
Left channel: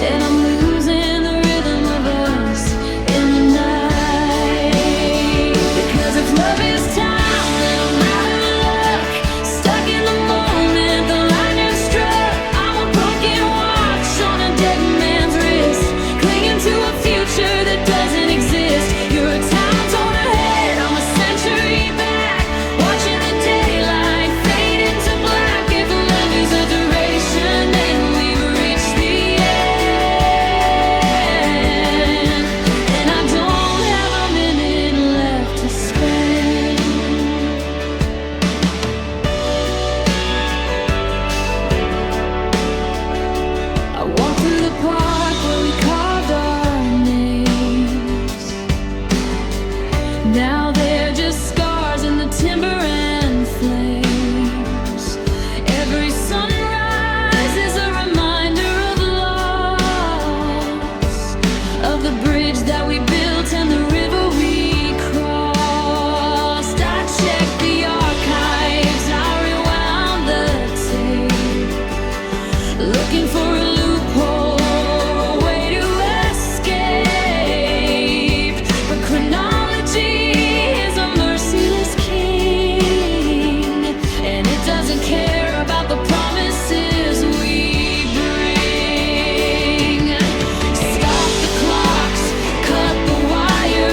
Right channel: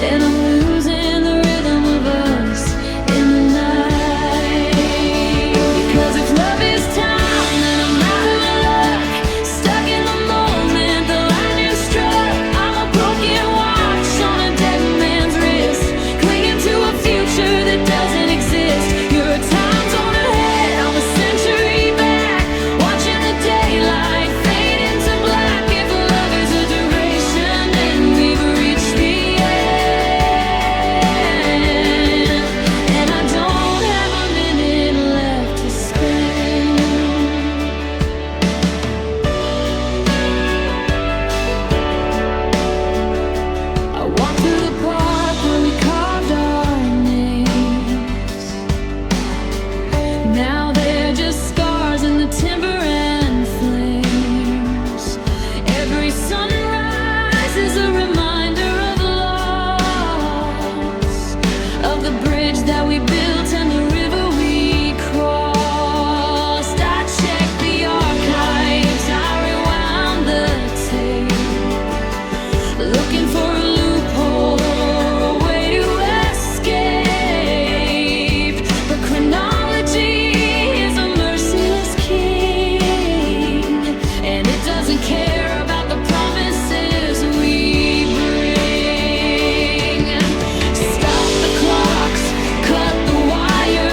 and I'm losing the rhythm of us in the night. Because if love is time, then I'm out of luck, stuck in the moment the lightning struck. I'm a broken watch on a dead man's wrist, clinging to a future that doesn't exist. You're a time zone ahead, I'm a century back, watching the daylight fade into black. If love is a duration, then we've reached the end, and I don't have a minute left to spend. I walked through the park where we carved our names. Now they're just scars in the timber and flames. Every sunrise is a reminder of loss, of the bridge that we built and the river we crossed. I checked the archives, I rewound the tape, looking for a loophole or a way to escape. But chronology is a merciless king, and it doesn't care about the promises we bring. Stop the clocks, cut the wires.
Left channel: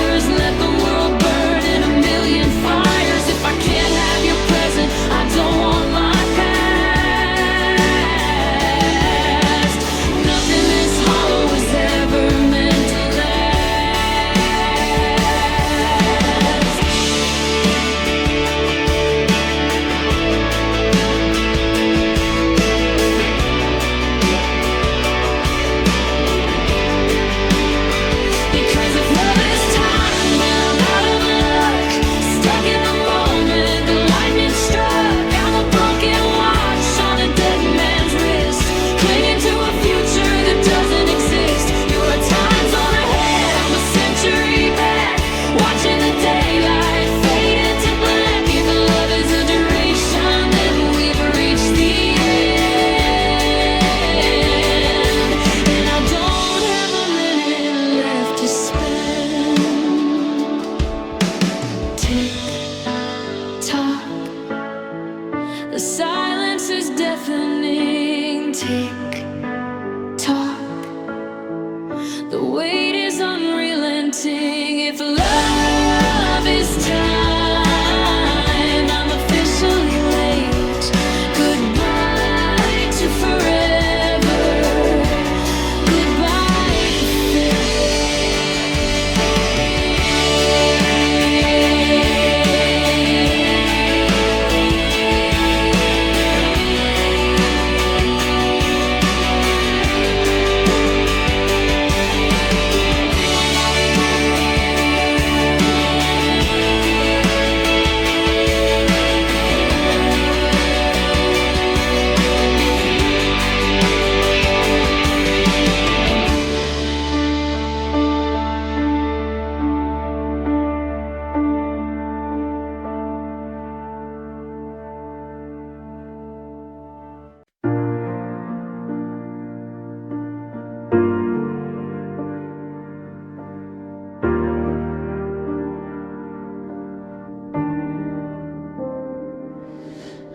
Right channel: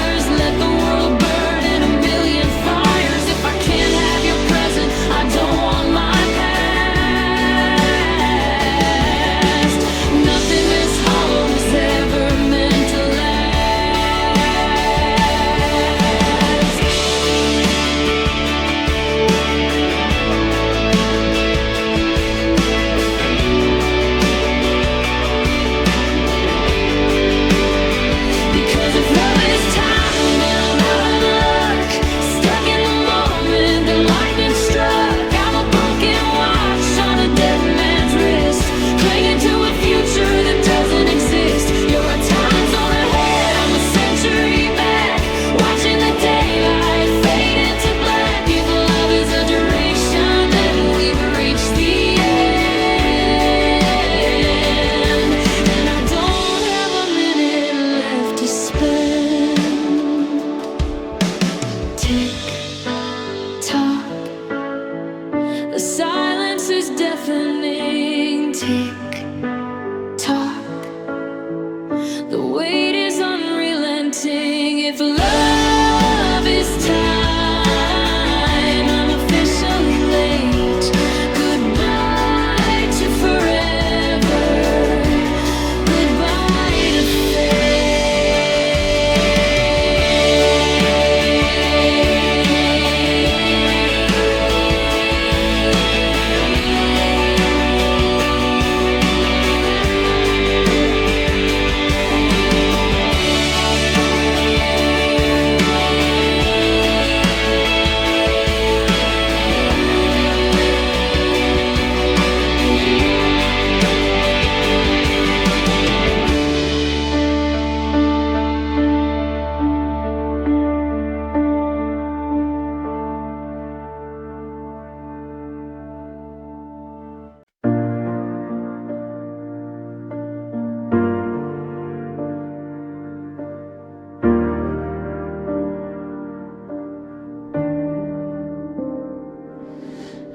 focused. You're a time zone ahead, I'm a century back, watching the daylight fade into black. If love is a duration, then we've reached the end. And I don't have a minute left to spend. Tick tock, the silence is deafening. Tick tock, the wait is unrelenting. If love is time, I'm officially late. Goodbye to forever. Goodbye to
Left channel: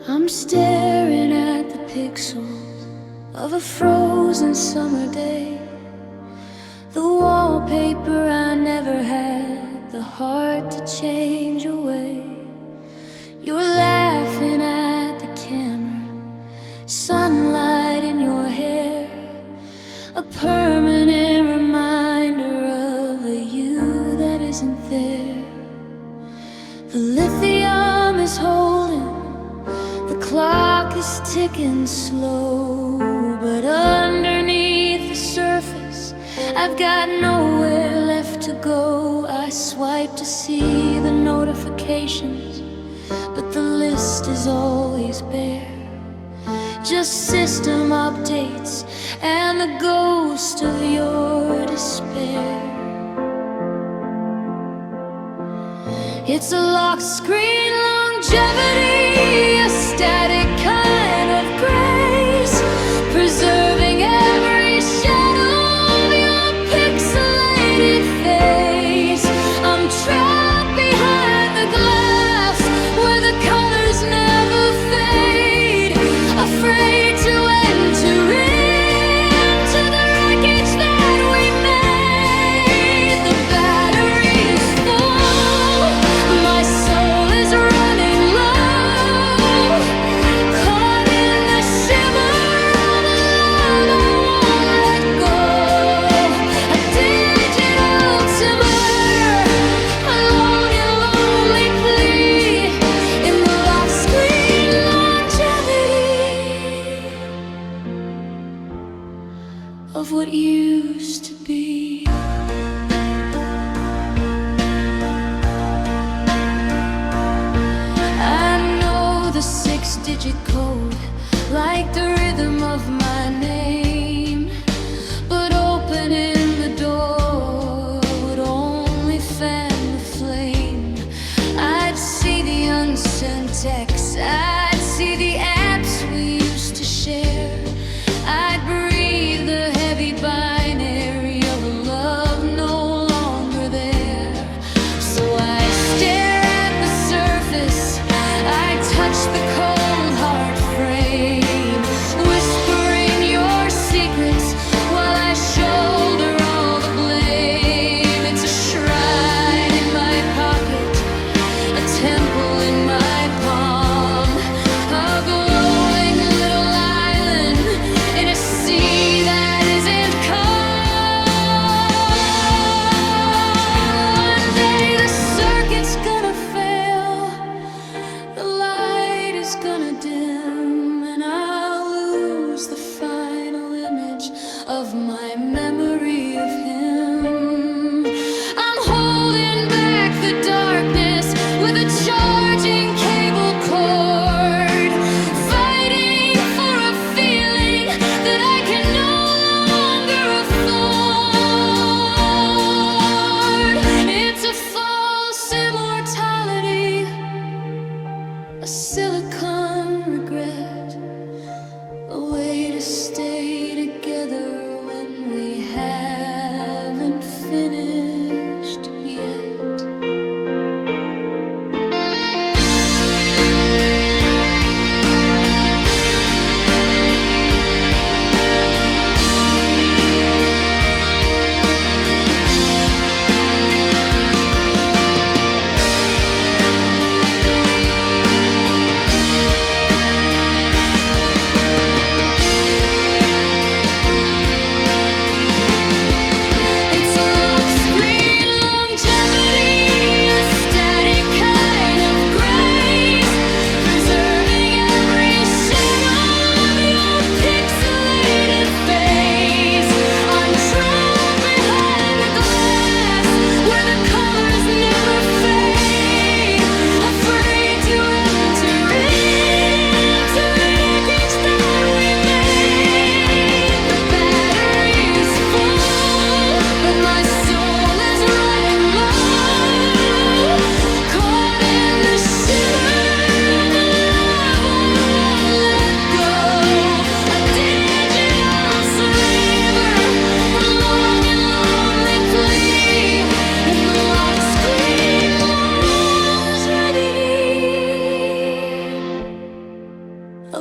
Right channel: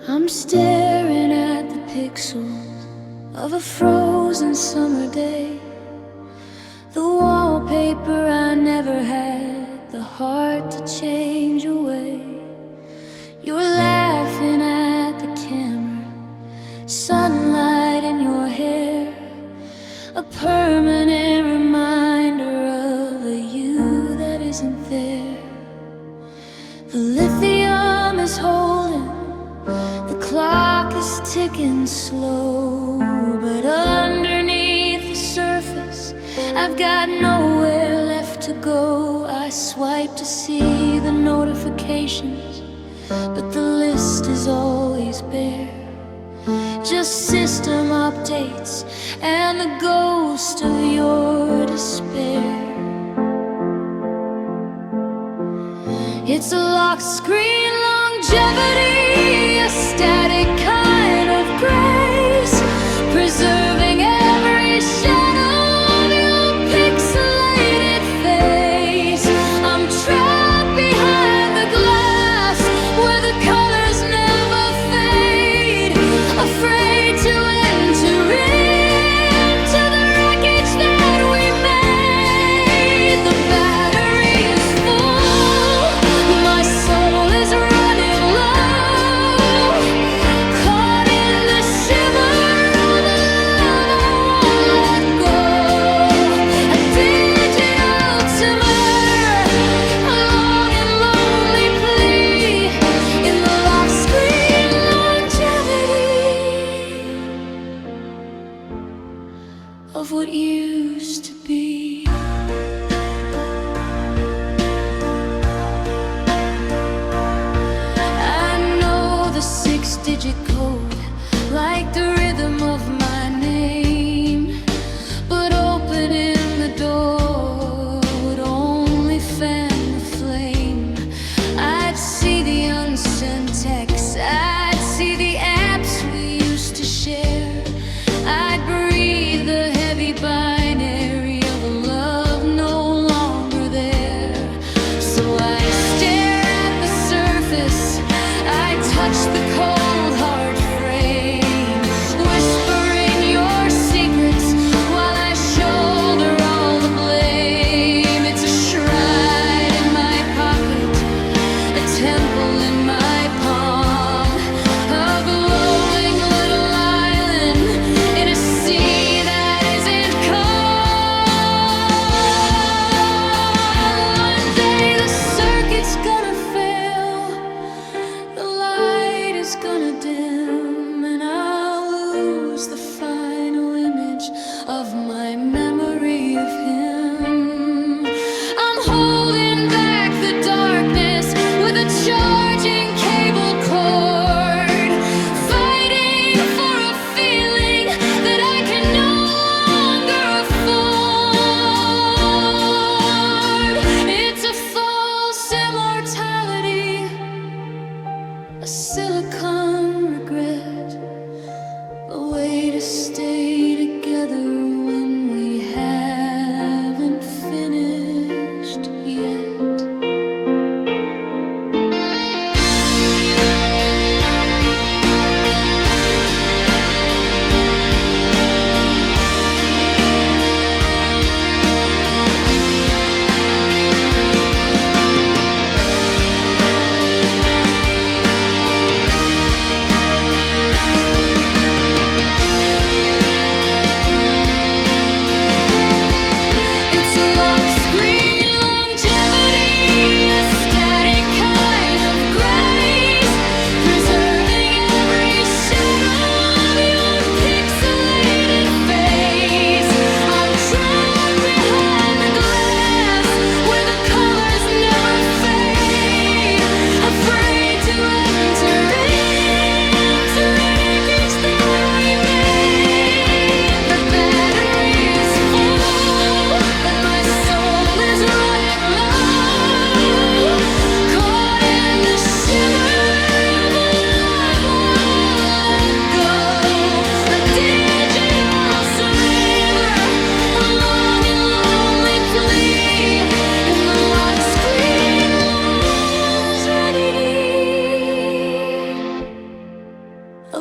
I'm staring at the pixels of a frozen summer day. The wallpaper I never had the heart to change away. You're laughing at the camera, sunlight in your hair, a permanent reminder of a you that isn't there. The lithium is holding, the clock is ticking slow, but underneath the surface, I've got nowhere left to go. I swipe to see the notifications, but the list is always bare. Just system updates and the ghost of your despair. It's a lock screen longevity, a static kind of grace, preserving every shadow of your pixelated face. I'm trapped behind the glass where the colors never fade, afraid to enter into the wreckage that we made. The battery is full, my soul is running low, caught in the shimmer of a love I won't let go. A digital timber, a long and lonely plea in the lock screen longevity of what used to be. I know the 6-digit code like the rhythm of my name, but opening the door would only fan the flame. I'd see the unsent texts, I'd see the apps we used to share, I'd breathe the heavy binary of a love no longer there. So I stare at the surface, I touch the cold hard frame, whispering your secrets while I shoulder all the blame. It's a shrine in my pocket, a temple in my palm, a glowing little island in a sea that isn't calm. One day the circuit's gonna fail, the light is gonna dim, and I'll lose the final image of my memory of him. I'm holding back the darkness with a charging cable cord, fighting for a feeling that I can no longer afford.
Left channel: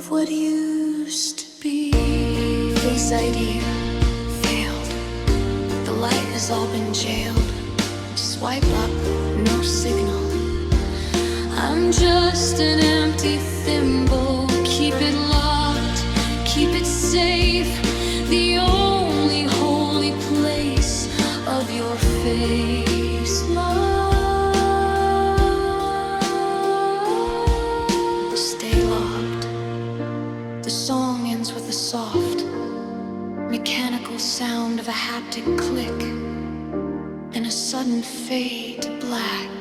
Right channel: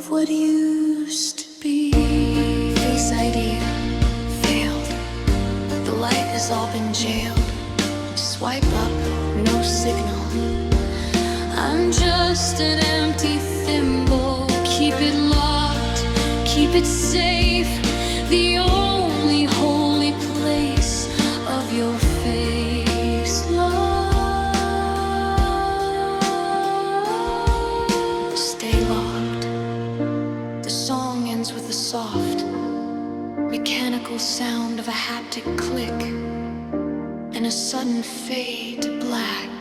what used to be. Face ID failed. The light has all been jailed. Swipe up, no signal. I'm just an empty thimble. Keep it locked, keep it safe. The only holy place of your face, love. Stay locked. The song ends with a soft, mechanical sound of a haptic click and a sudden fade to black.